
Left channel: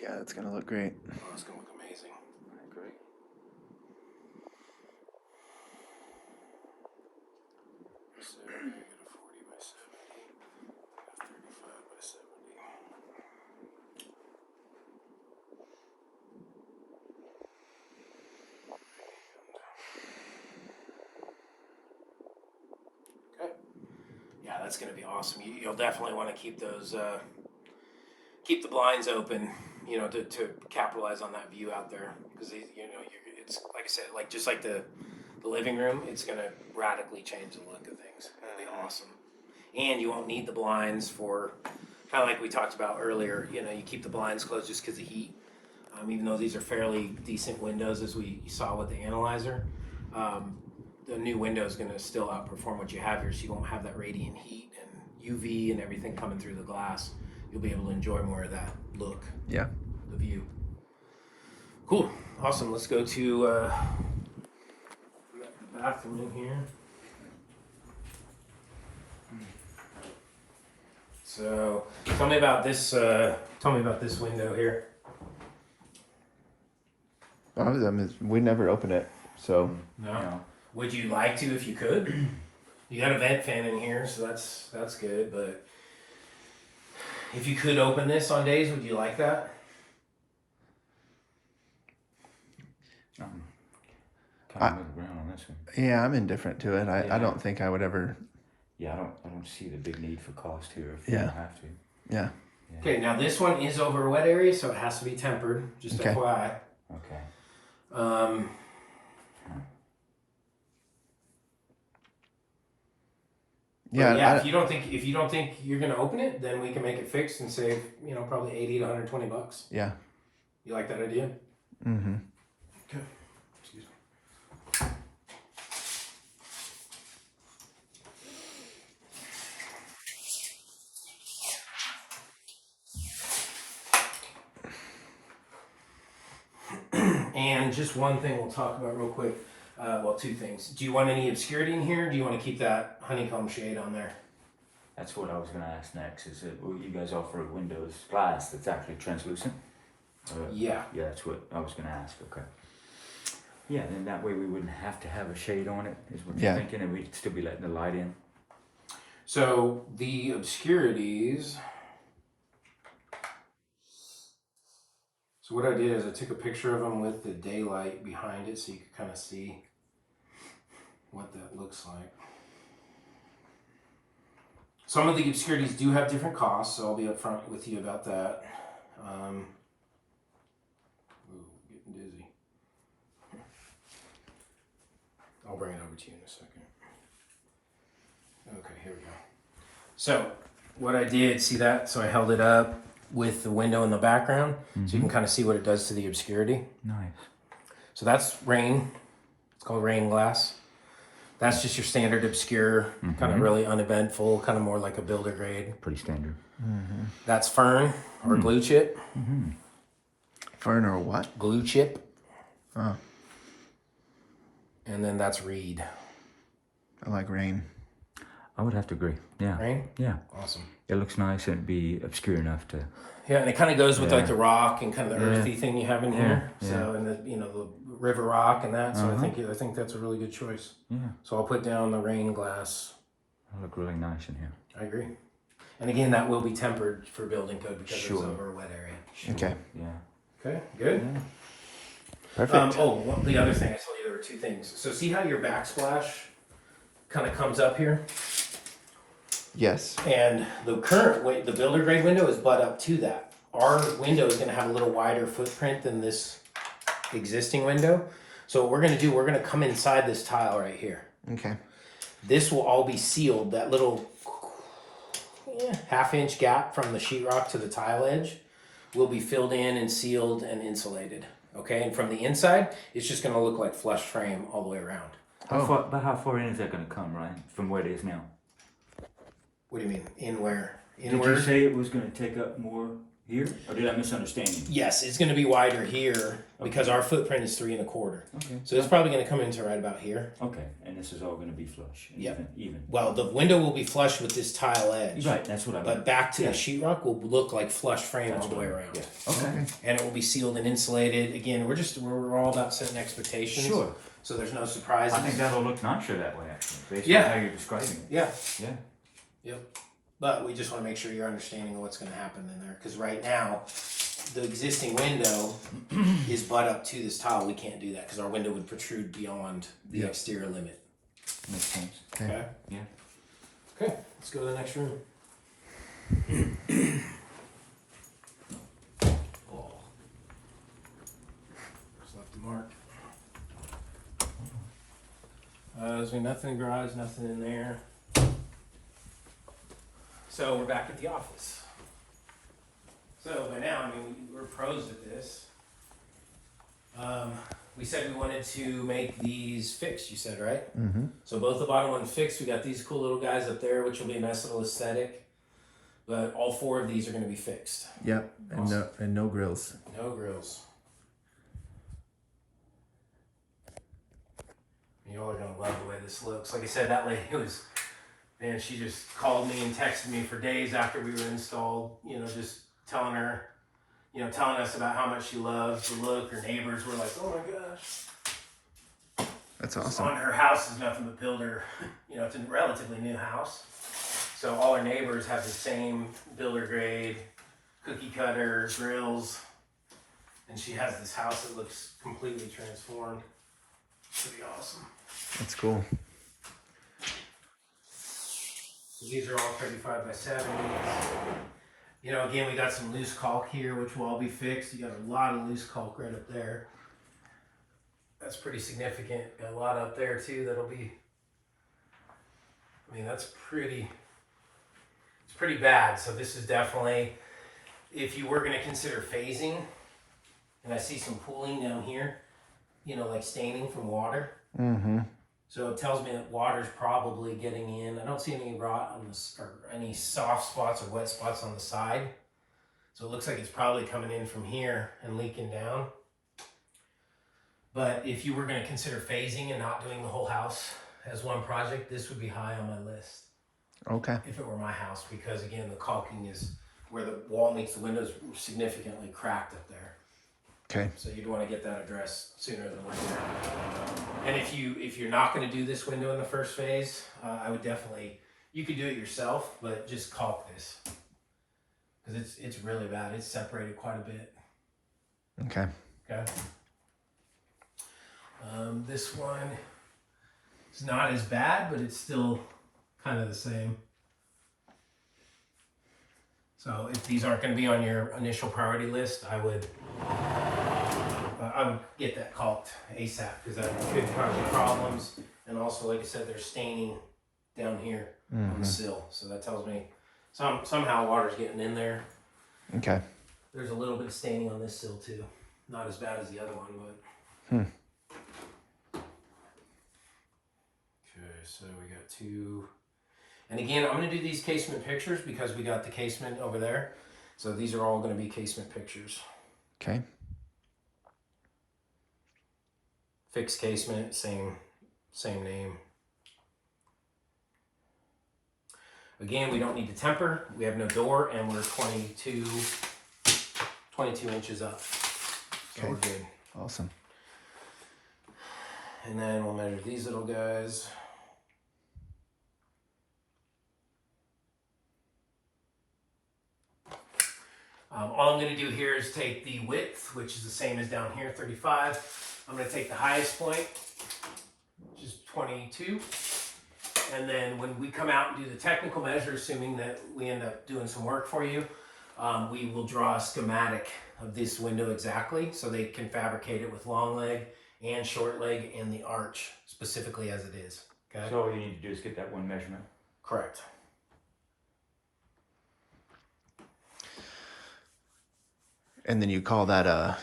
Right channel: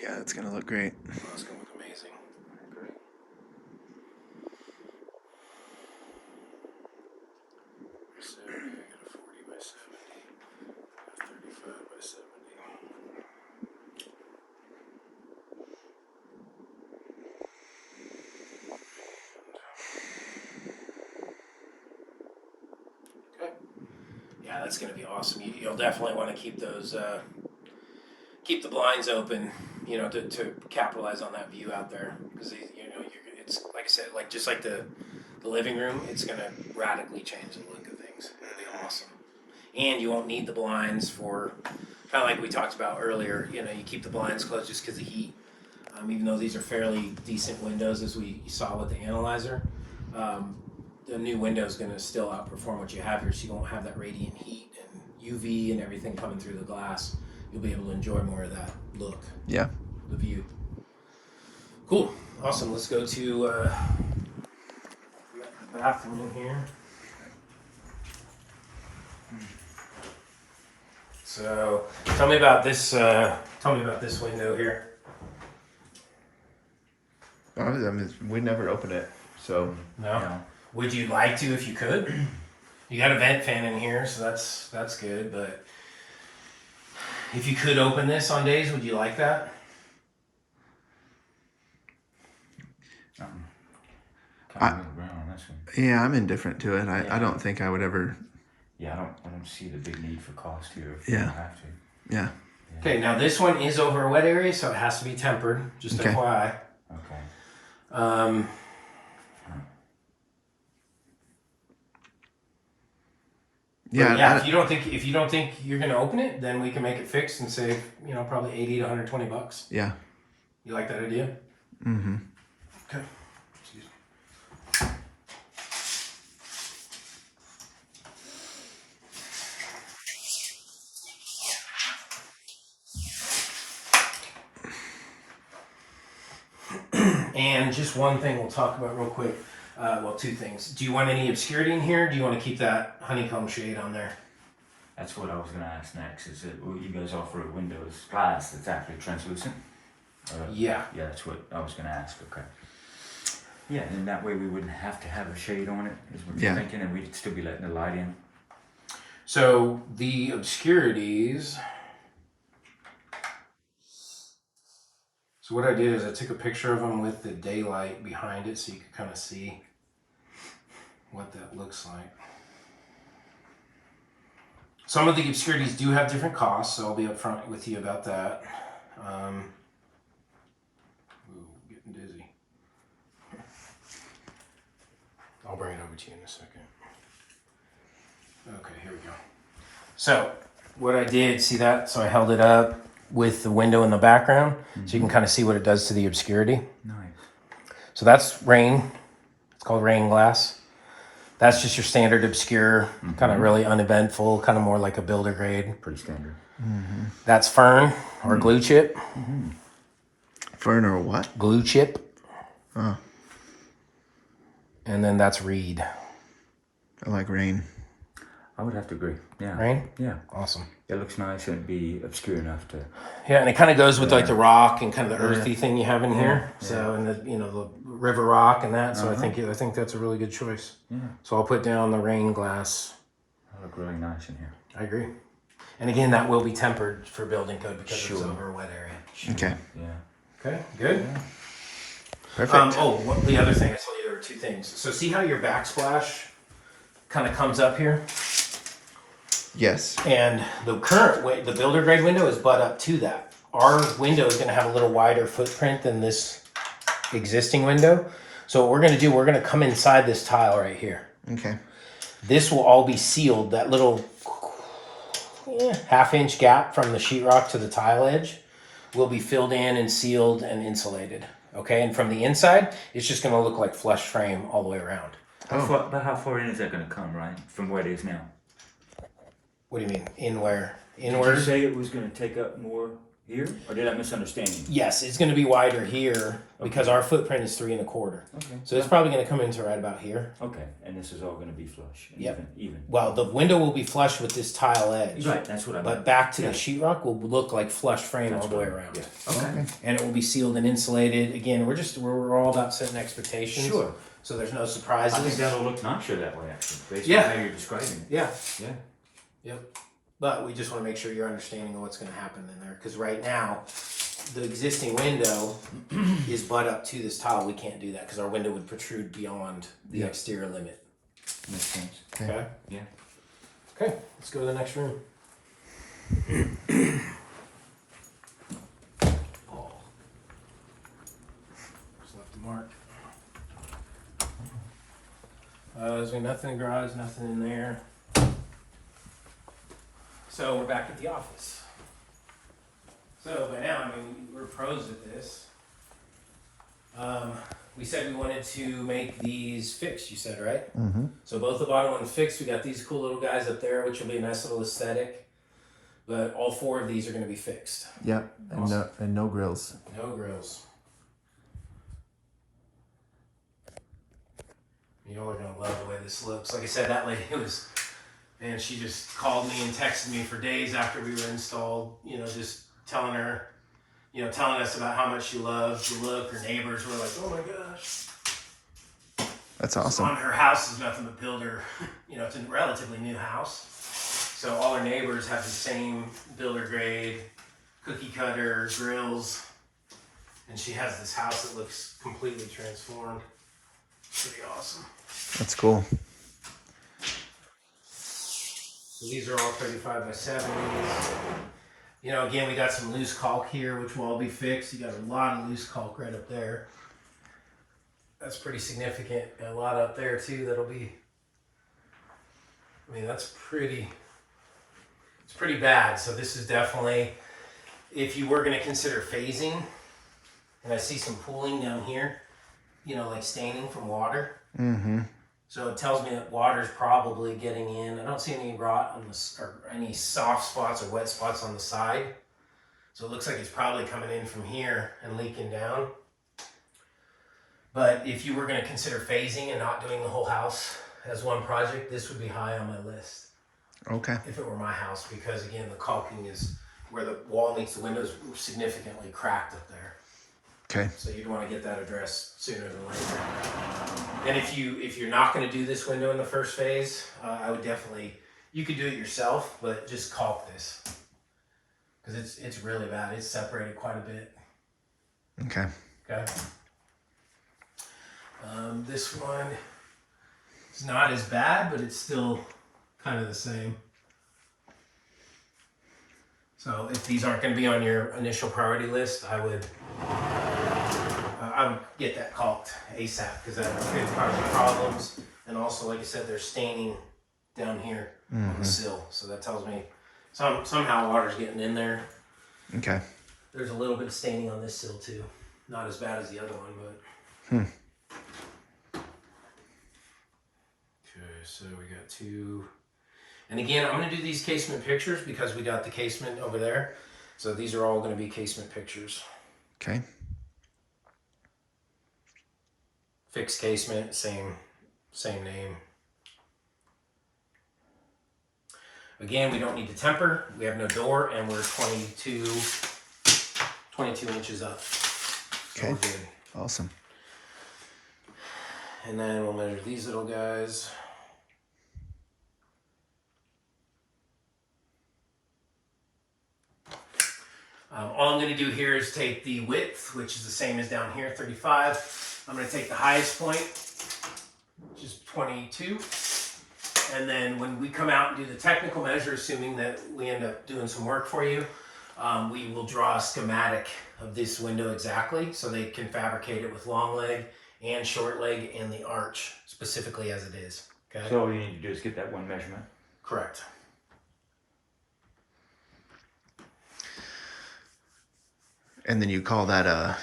Yeah, that's gonna look great. Oh, it's gonna look amazing. Great. So I got a 40 by 70, a 35 by 70. Okay. Yeah, that's gonna be awesome. You'll definitely want to keep those, keep the blinds open, to capitalize on that view out there, because it's like I said, like just like the living room, it's gonna radically change the look of things. It'll be awesome, and you won't need the blinds for kind of like we talked about earlier. You keep the blinds closed just because of heat. Even though these are fairly decent windows, as we saw with the analyzer, the new window is going to still outperform what you have here, so you won't have that radiant heat and UV and everything coming through the glass. You'll be able to enjoy more of that look. Yeah. The view. Cool. Awesome. Let's go to the bathroom here. So, tell me about this window here. I mean, we never open it, so. No. Would you like to if you could? You got a vent fan in here, so that's good. But if you could open this on days, would you like that? Yeah, I'm indifferent to it. I don't think I would ever. Yeah, I don't see the big need for cost here. If Yeah. You don't have to. Yeah. Okay, now this one is over a wet area, so it has to be tempered. Just Okay. FYI. Okay. Yeah. If you don't think you're gonna open it, then we can make it fixed and save probably $80 to $120. Yeah. You like that idea? Mm-hmm. Okay. Excuse me. And just one thing we'll talk about real quick. Well, two things. Do you want any obscurity in here? Do you want to keep that honeycomb shade on there? That's what I was going to ask next. Is it you guys offer a windows glass that's actually translucent? Yeah. Yeah, that's what I was going to ask. Okay. Yeah, and that way we wouldn't have to have a shade on it, is what you're thinking, and we'd still be letting the light in. So the obscurities. So what I did is I took a picture of them with the daylight behind it, so you could kind of see what that looks like. Some of the obscurities do have different costs, so I'll be upfront with you about that. Getting dizzy. I'll bring it over to you in a second. Okay, here we go. So what I did, see that? So I held it up with the window in the background, so you can kind of see what it does to the obscurity. Nice. So that's rain. It's called rain glass. That's just your standard obscure, kind of really uneventful, kind of more like a builder grade. Pretty standard. Mm-hmm. That's fern or glue chip. Mm-hmm. Fern or what? Glue chip. Oh. And then that's reed. I like rain. I would have to agree. Yeah. Rain? Yeah. Awesome. It looks nice and it'd be obscure enough to. Yeah, and it kind of goes with like the rock and kind of the earthy thing you have in here. Yeah. So and the river rock and that. So I think that's a really good choice. Yeah. So I'll put down the rain glass. It'll look really nice in here. I agree. And again, that will be tempered for building code because it's over a wet area. Sure. Okay. Yeah. Okay, good. Yeah. Perfect. The other thing, I told you there were two things. So see how your backsplash kind of comes up here? Yes. And the current way, the builder grade window is butt up to that. Our window is going to have a little wider footprint than this existing window. So what we're going to do, we're going to come inside this tile right here. Okay. This will all be sealed. That little half-inch gap from the sheetrock to the tile edge will be filled in and sealed and insulated. Okay, and from the inside, it's just going to look like flush frame all the way around. But how far in is that going to come, Ryan, from where it is now? What do you mean? In where? Did you say it was going to take up more Here? Or did I misunderstand you? Yes, it's going to be wider here because our footprint is 3 1/4. Okay. So it's probably going to come into right about here. Okay, and this is all going to be flush. And Yep. Even. Well, the window will be flush with this tile edge. Right, that's what I meant. But back to the sheetrock will look like flush frame all the way around. Yeah. Okay. And it will be sealed and insulated. Again, we're all about setting expectations. Sure. So there's no surprises. I think that'll look nicer that way, actually, based Yeah. on how you're describing it. Yeah. Yeah. Yep. But we just want to make sure you're understanding of what's going to happen in there. Because right now, the existing window is butt up to this tile. We can't do that because our window would protrude beyond the exterior limit. Makes sense. Okay? Yeah. Okay, let's go to the next room. Oh. Just left a mark. There's nothing in the garage, nothing in there. So we're back at the office. So by now, I mean, we're pros at this. We said we wanted to make these fixed, you said, right? Mm-hmm. So both the bottom ones fixed. We got these cool little guys up there, which will be a nice little aesthetic. But all 4 of these are going to be fixed. Yep, and no grills. No grills. You all are going to love the way this looks. Like I said, that lady was... Man, she just called me and texted me for days after we were installed, you know, just telling her, you know, telling us about how much she loved the look. Her neighbors were like, oh my gosh. That's awesome. On her house is nothing but builder, you know, it's a relatively new house. So all her neighbors have the same builder grade, cookie cutter, grills. And she has this house that looks completely transformed. Pretty awesome. That's cool. So these are all 35 by 70s. You know, again, we got some loose caulk here, which will all be fixed. You got a lot of loose caulk right up there. That's pretty significant. Got a lot up there too that'll be, I mean, it's pretty bad. So this is definitely, if you were gonna consider phasing, and I see some pooling down here, you know, like staining from water. Mm-hmm. So it tells me that water's probably getting in. I don't see any rot on this or any soft spots or wet spots on the side. So it looks like it's probably coming in from here and leaking down. But if you were going to consider phasing and not doing the whole house as one project, this would be high on my list. Okay. If it were my house, because again, the caulking is where the wall meets the windows significantly cracked up there. Okay. So you'd want to get that addressed sooner than later. And if you're not going to do this window in the first phase, I would definitely, you could do it yourself, but just caulk this because it's really bad. It's separated quite a bit. Okay. Okay. This one is not as bad, but it's still kind of the same. So if these aren't going to be on your initial priority list, I would get that caulked ASAP because that could cause problems. And also, like I said, there's staining down here on the sill. So that tells me somehow water's getting in there. Okay. There's a little bit of staining on this sill too. Not as bad as the other one, but... Okay, so we got 2... And again, I'm going to do these casement pictures because we got the casement over there. So these are all going to be casement pictures. Okay. Fixed casement, same name. Again, we don't need to temper. We have no door, and we're 22 inches up. So Okay. we're good. Awesome. And then we'll measure these little guys. All I'm going to do here is take the width, which is the same as down here, 35. I'm going to take the highest point, which is 22. And then when we come out and do the technical measure, assuming that we end up doing some work for you, we will draw a schematic of this window exactly so they can fabricate it with long leg and short leg and the arch specifically as it is. Okay. So all you need to do is get that one measurement. Correct. And then you call that a...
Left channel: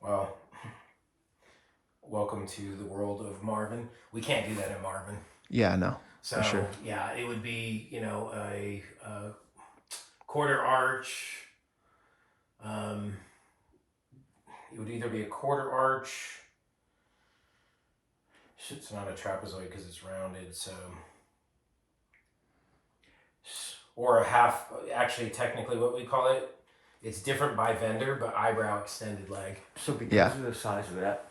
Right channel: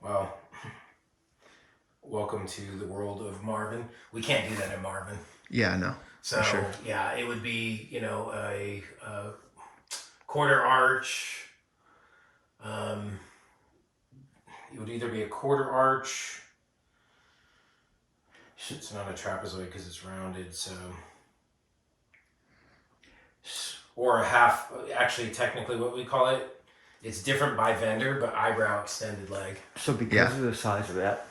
Well, welcome to the world of Marvin. We can't do that in Marvin. Yeah, no. So For sure. yeah, it would be, you know, a quarter arch. It would either be a quarter arch. It's not a trapezoid because it's rounded, so. Or a half, actually technically what we call it, it's different by vendor, but eyebrow extended leg. So because of the size of that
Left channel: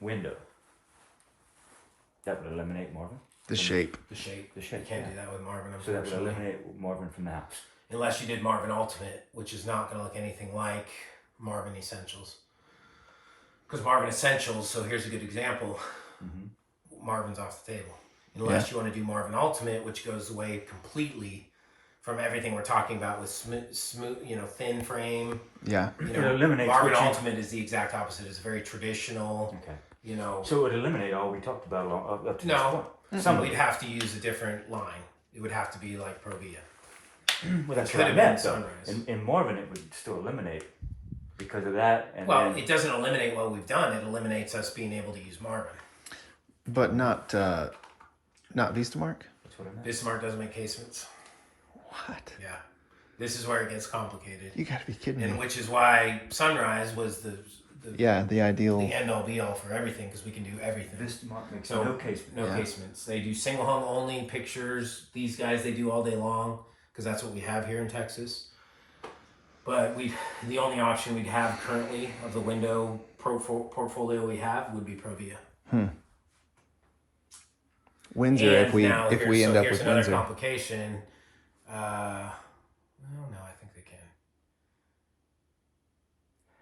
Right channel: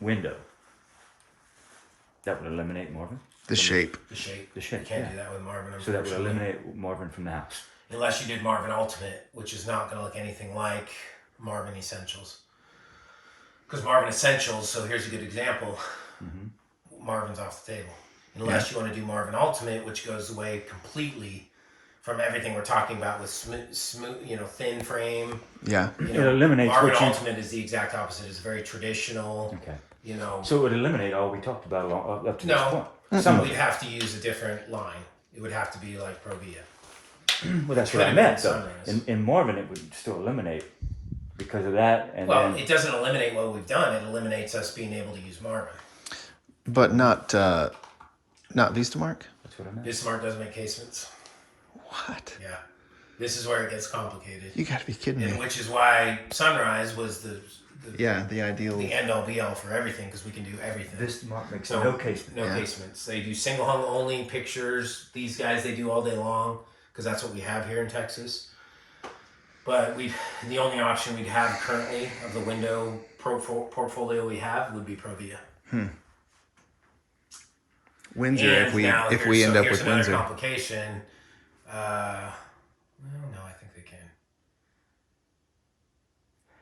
window, that would eliminate Marvin? The shape. The shape. The shape, You can't yeah. do that with Marvin, So that would unfortunately. eliminate Marvin from the house. Unless you did Marvin Ultimate, which is not going to look anything like Marvin Essentials. Because Marvin Essentials, so here's a good example. Marvin's off the table. Unless you want to do Marvin Ultimate, which goes away completely from everything we're talking about with smooth, thin frame. Yeah. It eliminates Marvin what you- Ultimate is the exact opposite. It's very traditional. Okay. So it would eliminate all we talked about up to No. this point. we'd have to use a different line. It would have to be like Provia. Well, that's Could what I have meant. been So Sunrise. in Marvin, it would still eliminate because of that. And Well, then, it doesn't eliminate what we've done. It eliminates us being able to use Marvin. But not Vistamark? that's what I meant. Bismarck doesn't make casements. What? Yeah. This is where it gets complicated. You gotta be kidding And me. which is why Sunrise was the ideal. the end all be all for everything, because we can do everything. This mark makes So, no casement. No Yeah. casements. They do single hung only pictures. These guys, they do all day long because that's what we have here in Texas. But the only option we'd have currently of the window portfolio we have would be Provia. Windsor, And if we now if we end up here's with another Windsor. complication. Well, no, I think they can.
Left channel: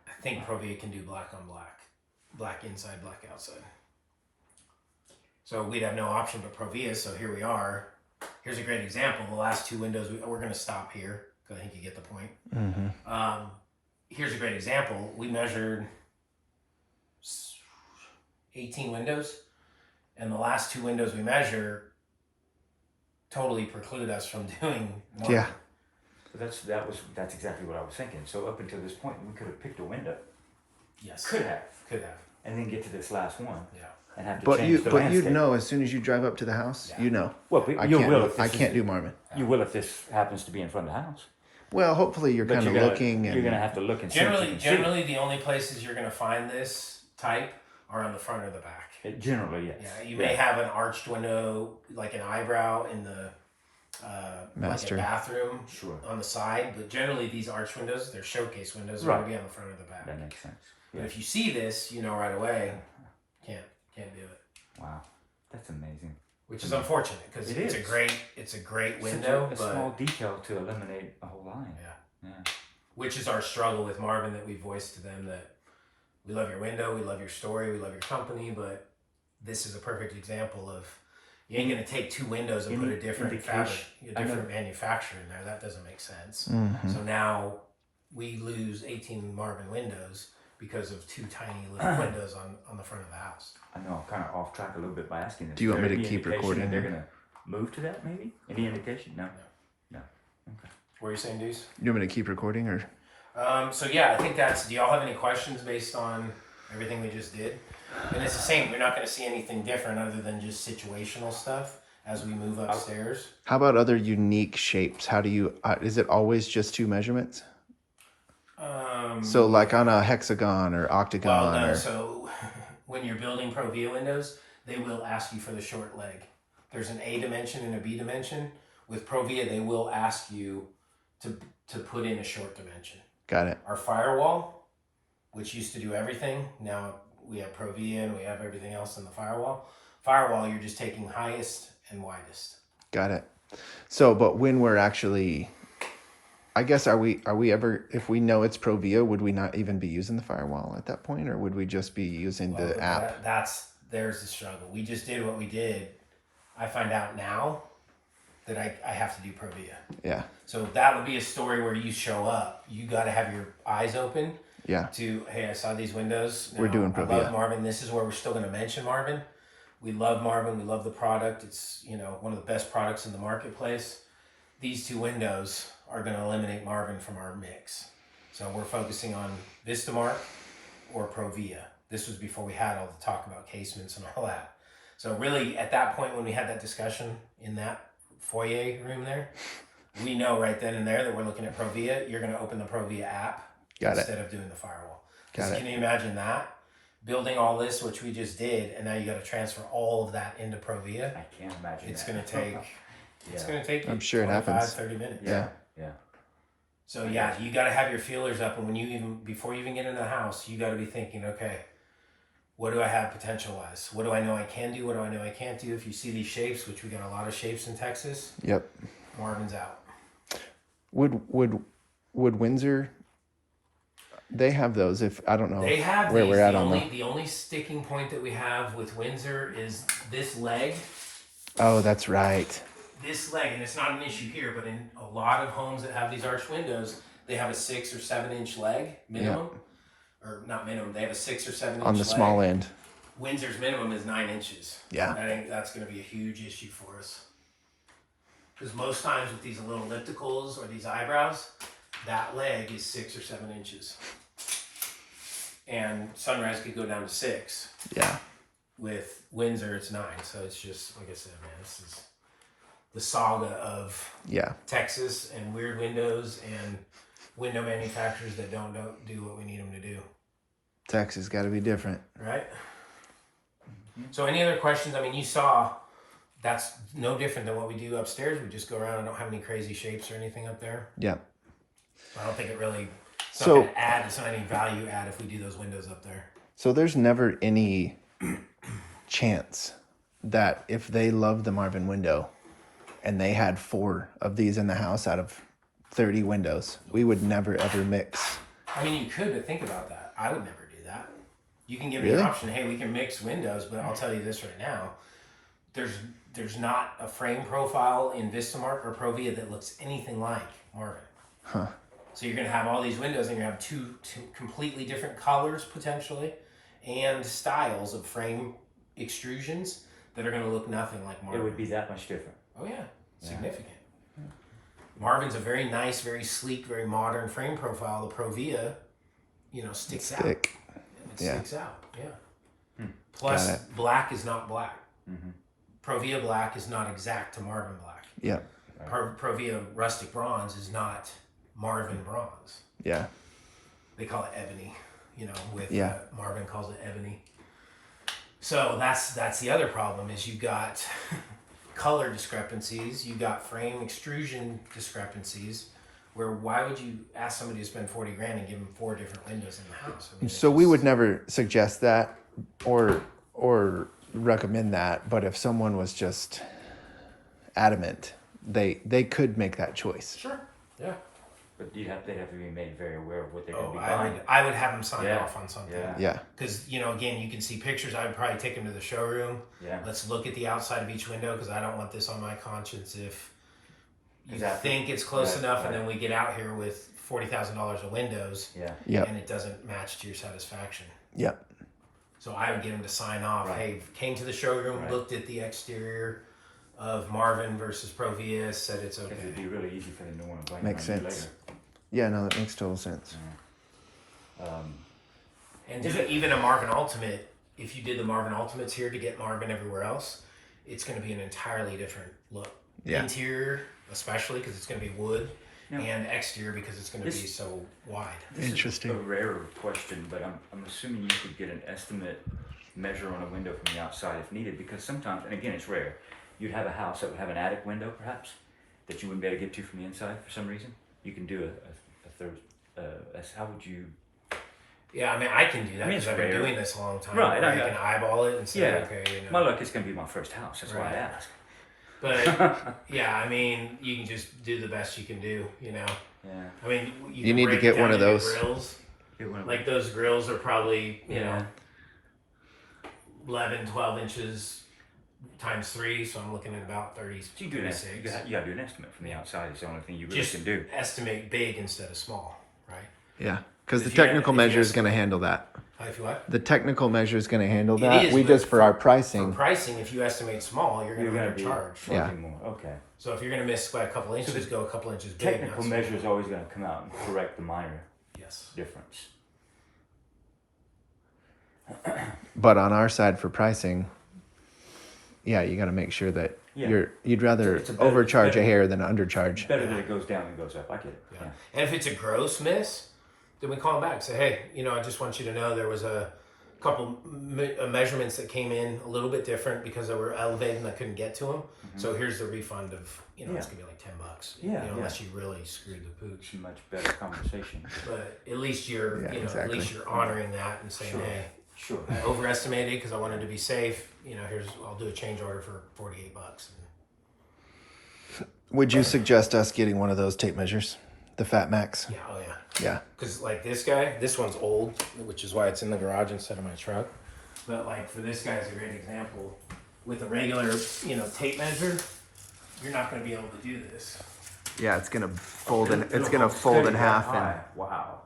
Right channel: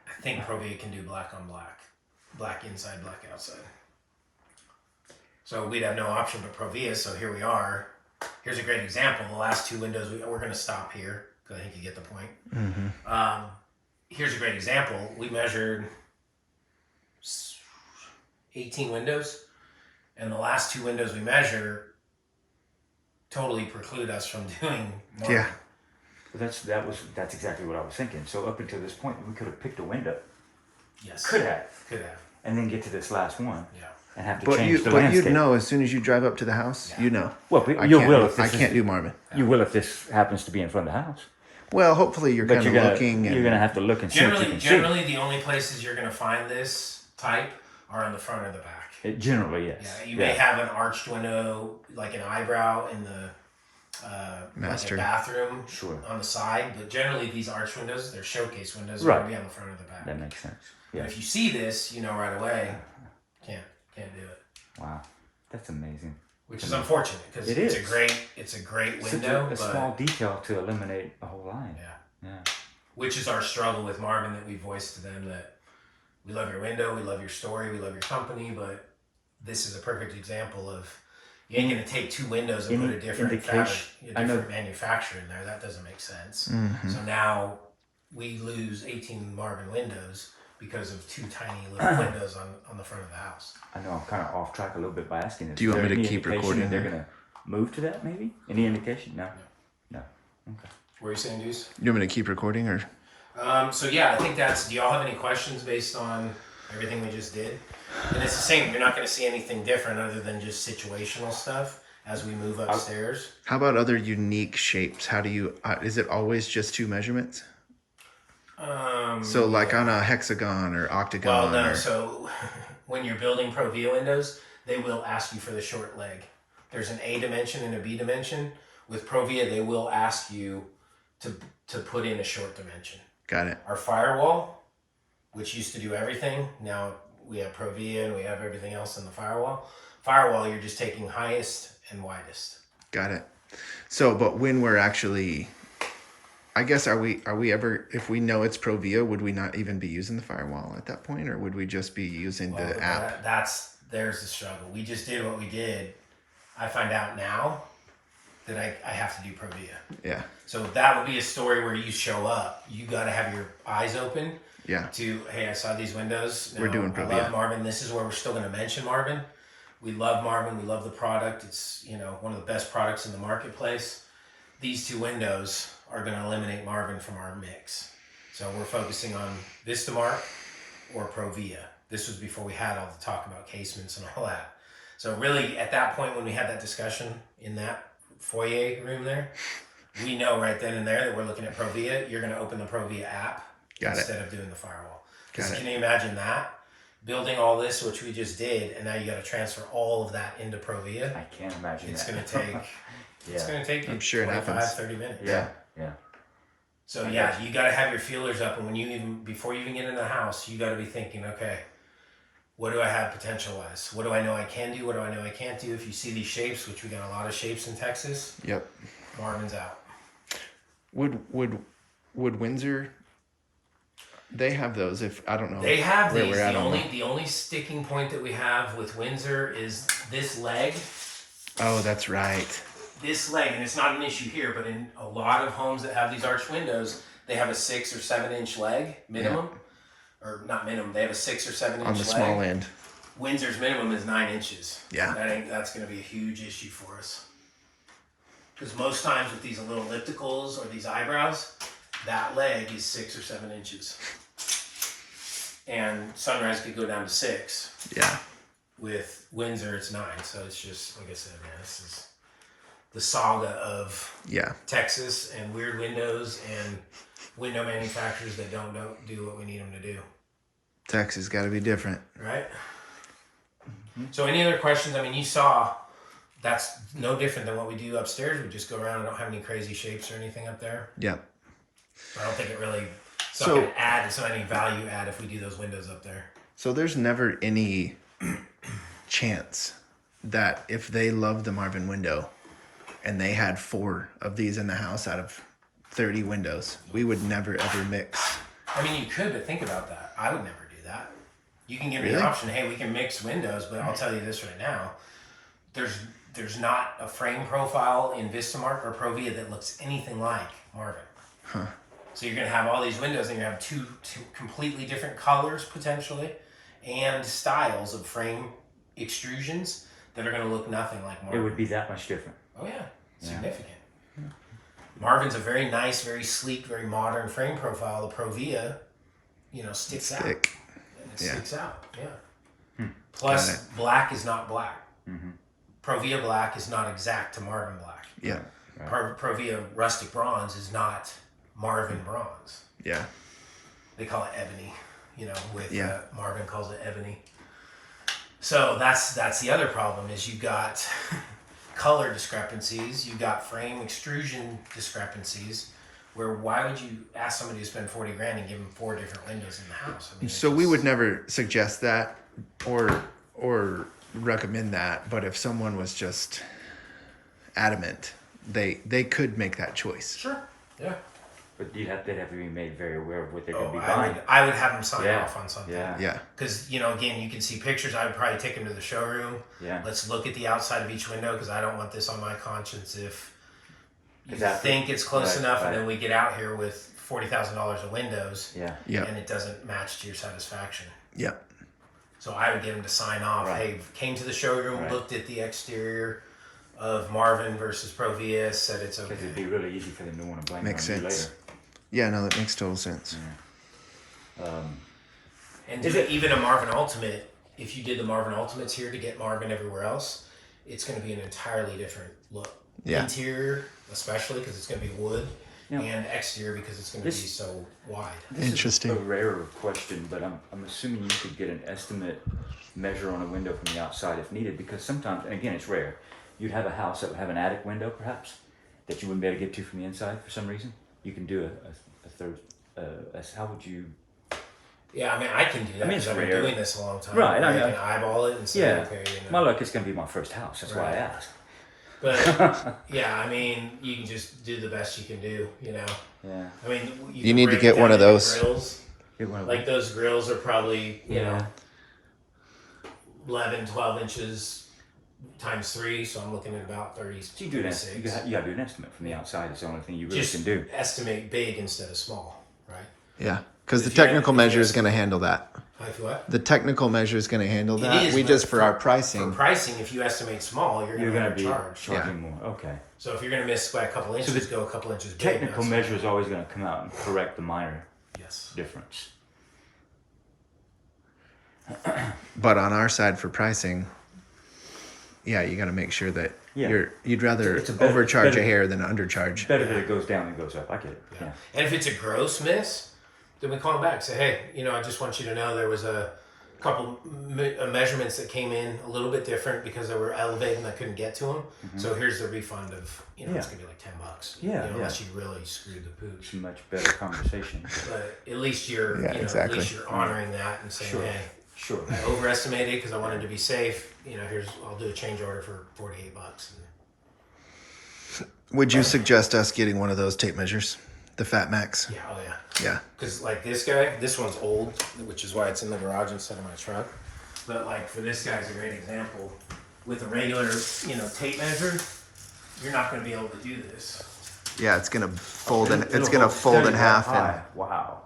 I think Provia can do black on black, black inside, black outside. So we'd have no option but Provia. So here we are. Here's a great example. The last two windows, we're going to stop here because I think you get the point. Here's a great example. We measured 18 windows, and the last two windows we measure totally preclude us from doing Marvin. Yeah. That's exactly what I was thinking. So up until this point, we could have picked a window. Yes. Could have, and then get to this last one. Yeah. And have to But change the you'd landscape. know as soon as you drive up to the house, Yeah. you know. Well, I you can't. will. If I this can't is- do Marvin. You will if this happens to be in front of the house. Well, hopefully you're But kind of you're gonna- looking You're and going to have to look and see what you can Generally, the only places you're going to find this type are on the front or the back. see. It generally, yes. Yeah, you may have an arched window, like an eyebrow in the Master. like a bathroom Sure. on the side, but generally these arch windows, they're showcase windows, they're Right. going to be on the front or the back. That makes sense. But Yeah. if you see this, you know right away, can't do it. Wow. That's amazing. Which is unfortunate because It it's is. a great Such window, a but small detail to eliminate a whole line. yeah. Yeah. Which is our struggle with Marvin that we voiced to them, that we love your window, we love your story, we love your company, but this is a perfect example of you ain't gonna take two windows and put a different indication- manufacturer in there. That doesn't make sense. Mhm. So now we lose 18 Marvin windows because of two tiny little windows on the front of the house. I know I'm kind of off track a little bit by asking this. Do you want Is me there to any keep indication recording that They're there? going to move to that, maybe? Any indication? No. No. What are you saying, Deuce? You want me to keep recording or? So yeah, I think that's. Do y'all have any questions based on everything we just did? And it's the same. You're not going to see anything different other than just situational stuff as we move upstairs. How about other unique shapes? How do you? Is it always just two measurements? So like on a hexagon or octagon Well, no. or So when you're building Provia windows, they will ask you for the short leg. There's an A dimension and a B dimension. With Provia, they will ask you to put in a short dimension. got it. Our firewall, which used to do everything, now we have Provia and we have everything else in the firewall. Firewall, you're just taking highest and widest. Got it. So, but when we're actually, I guess, are we ever, if we know it's Provia, would we not even be using the firewall at that point, or would we just be using Well, the but app? there's the struggle. We just did what we did. I find out now that I have to do Provia. Yeah. So that would be a story where you show up. You got to have your eyes open Yeah. to, hey, I saw these windows. We're doing I Provia. love Marvin. This is where we're still going to mention Marvin. We love Marvin. We love the product. It's, one of the best products in the marketplace. These two windows are going to eliminate Marvin from our mix. So we're focusing on Vistamark or Provia. This was before we had all the talk about casements and all that. So really, at that point when we had that discussion in that foyer room there, we know right then and there that we're looking at Provia. You're going to open the Provia app instead of doing the firewall. Because can you imagine that? Building all this, which we just did, and now you got to transfer all of that into Provia. I can't imagine it's that. Going to take, It's going to take I'm sure 25, 30 minutes. Yeah. So yeah, you got to have your feelers up, and before you even get into the house, you got to be thinking, okay, what do I have potential-wise? What do I know I can do? What do I know I can't do? If you see these shapes, which we got a lot of shapes in Texas. Yep. Marvin's out. Would Windsor? They have those. If I don't know, they have where these. We're at The only sticking point that we have with Windsor is this leg. Oh, that's right. This leg, and it's not an issue here, but in a lot of homes that have these arched windows, they have a 6 or 7 inch leg minimum. Yeah. Or not minimum, they have a 6 or 7 inch on the leg. small end. Windsor's minimum is 9 inches. Yeah. That's going to be a huge issue for us. Because most times with these little ellipticals or these eyebrows, that leg is 6 or 7 inches. And Sunrise could go down to 6. Yeah. With Windsor, it's 9. So it's just, like I said, man, this is the saga of Texas and weird windows and window manufacturers that don't do what we need them to do. Texas got to be different. Right? So any other questions? I mean, you saw that's no different than what we do upstairs. We just go around and don't have any crazy shapes or anything up there. Yep. I don't think it really, it's not any value add if we do those windows up there. So there's never any chance that if they love the Marvin window and they had 4 of these in the house out of 30 windows, we would never ever mix. I mean, you could, but think about that. I would never do that. You can give me the option, hey, we can mix windows, but I'll tell you this right now. There's not a frame profile in Vistamark or Provia that looks anything like Marvin. Huh. So you're going to have all these windows and you have two completely different colors potentially and styles of frame extrusions that are going to look nothing like Marvin. It would be that much different. Oh yeah, significant. Yeah. Marvin's a very nice, very sleek, very modern frame profile. The Provia, sticks out. It sticks out, yeah. Plus, black is not black. Mm-hmm. Provia black is not exact to Marvin black. Yeah. Provia rustic bronze is not Marvin bronze. Yeah. They call it ebony, Marvin calls it ebony. So that's the other problem is you got color discrepancies, you got frame extrusion discrepancies, where why would you ask somebody to spend $40,000 and give them 4 different windows in the house? I mean, so we would never suggest that or recommend that, but if someone was just adamant, they could make that choice. Sure. Yeah. But they'd have to be made very aware of what they're going to be buying. I would have them sign off on something. Yeah. Because, again, you can see pictures. I would probably take them to the showroom. Yeah. Let's look at the outside of each window because I don't want this on my conscience if you think it's close enough and then we get out here with $40,000 of windows and it doesn't match to your satisfaction. Yep. So I would get them to sign off. Right. Hey, came to the showroom, looked at the exterior of Marvin versus Provia, said it's okay. It'd be really easy for them to want to blame Makes on you sense. later. Yeah, no, that makes total sense. And even a Marvin Ultimate, if you did the Marvin Ultimates here to get Marvin everywhere else, it's going to be an entirely different look. Yeah. Interior, especially because it's going to be wood, and exterior because it's going to be so wide. Interesting. This is a rare question, but I'm assuming you could get an estimate measure on a window from the outside if needed, because sometimes, and again, it's rare, you'd have a house that would have an attic window, perhaps, that you wouldn't be able to get to from the inside for some reason. You can do a third. How would you? Yeah, I mean, I can do that because I've been doing this a long time. Right, I can eyeball it and say, okay. Well, look, it's going to be my first house. That's why I asked. But yeah, I mean, you can just do the best you can do. Yeah. I mean, you need to get one of those grills. Like those grills are probably 11, 12 inches. Times 3, so I'm looking at about 30. So you do an estimate. You got to do an estimate from the outside. It's the only thing you really can do. Estimate big instead of small, right? Yeah, because the technical measure is going to handle that. What? The technical measure is going to handle that. We just for our pricing. For pricing, if you estimate small, you're going to be charging more. Okay. So if you're going to miss by a couple inches, go a couple inches big. Technical measure is always going to come out and correct the minor difference. But on our side for pricing, you got to make sure that Yeah. You'd rather It's a better- overcharge better- a hair than undercharge. It's better that it goes down than goes up. I get it. Yeah. And if it's a gross miss, then we call them back. Say, hey, I just want you to know there was a couple measurements that came in a little bit different because they were elevated and I couldn't get to them. Mm-hmm. So here's the refund of, it's gonna be like $10. Yeah, unless you really screwed the pooch. It's a much better conversation. But at least you're, exactly. at least you're honoring that and saying, Sure. hey, Sure. I overestimated because I wanted to be safe. I'll do a change order for $48. Would you suggest us getting one of those tape measures, the Fat Max? Yeah, oh yeah. Yeah. Because like this guy, this one's old, which is why it's in the garage instead of my truck. But like for this guy's a great example. With a regular, tape measure, you're not going to be able to do this. Yeah, it's gonna fold in. It's gonna fold in half, and Wow.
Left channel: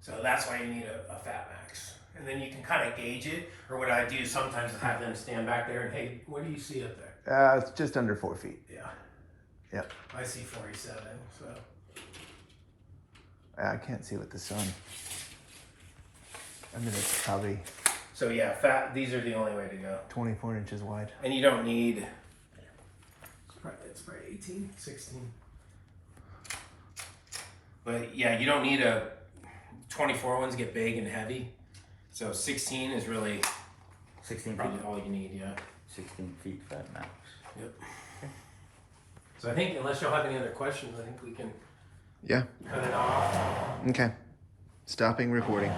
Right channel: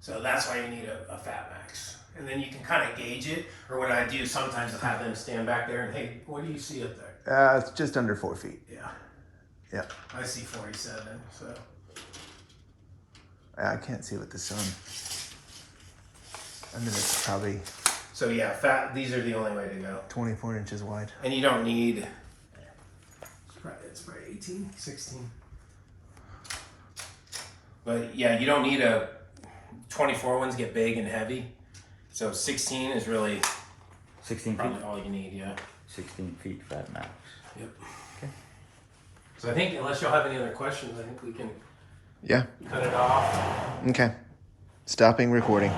So that's why you need a Fat Max. And then you can kind of gauge it. Or what I do sometimes, I have them stand back there and, hey, what do you see up there? it's just under 4 feet. Yeah. Yep. I see 47, so. I can't see with the sun. I mean, it's probably So yeah, these are the only way to go. 24 inches wide. And you don't need, it's probably 18, 16. But yeah, you don't need 24 ones get big and heavy. So 16 is really 16 feet. probably all you need, yeah. 16 feet Fat Max. Yep. So I think unless y'all have any other questions, I think we can Yeah. cut it off. Okay. Stopping recording.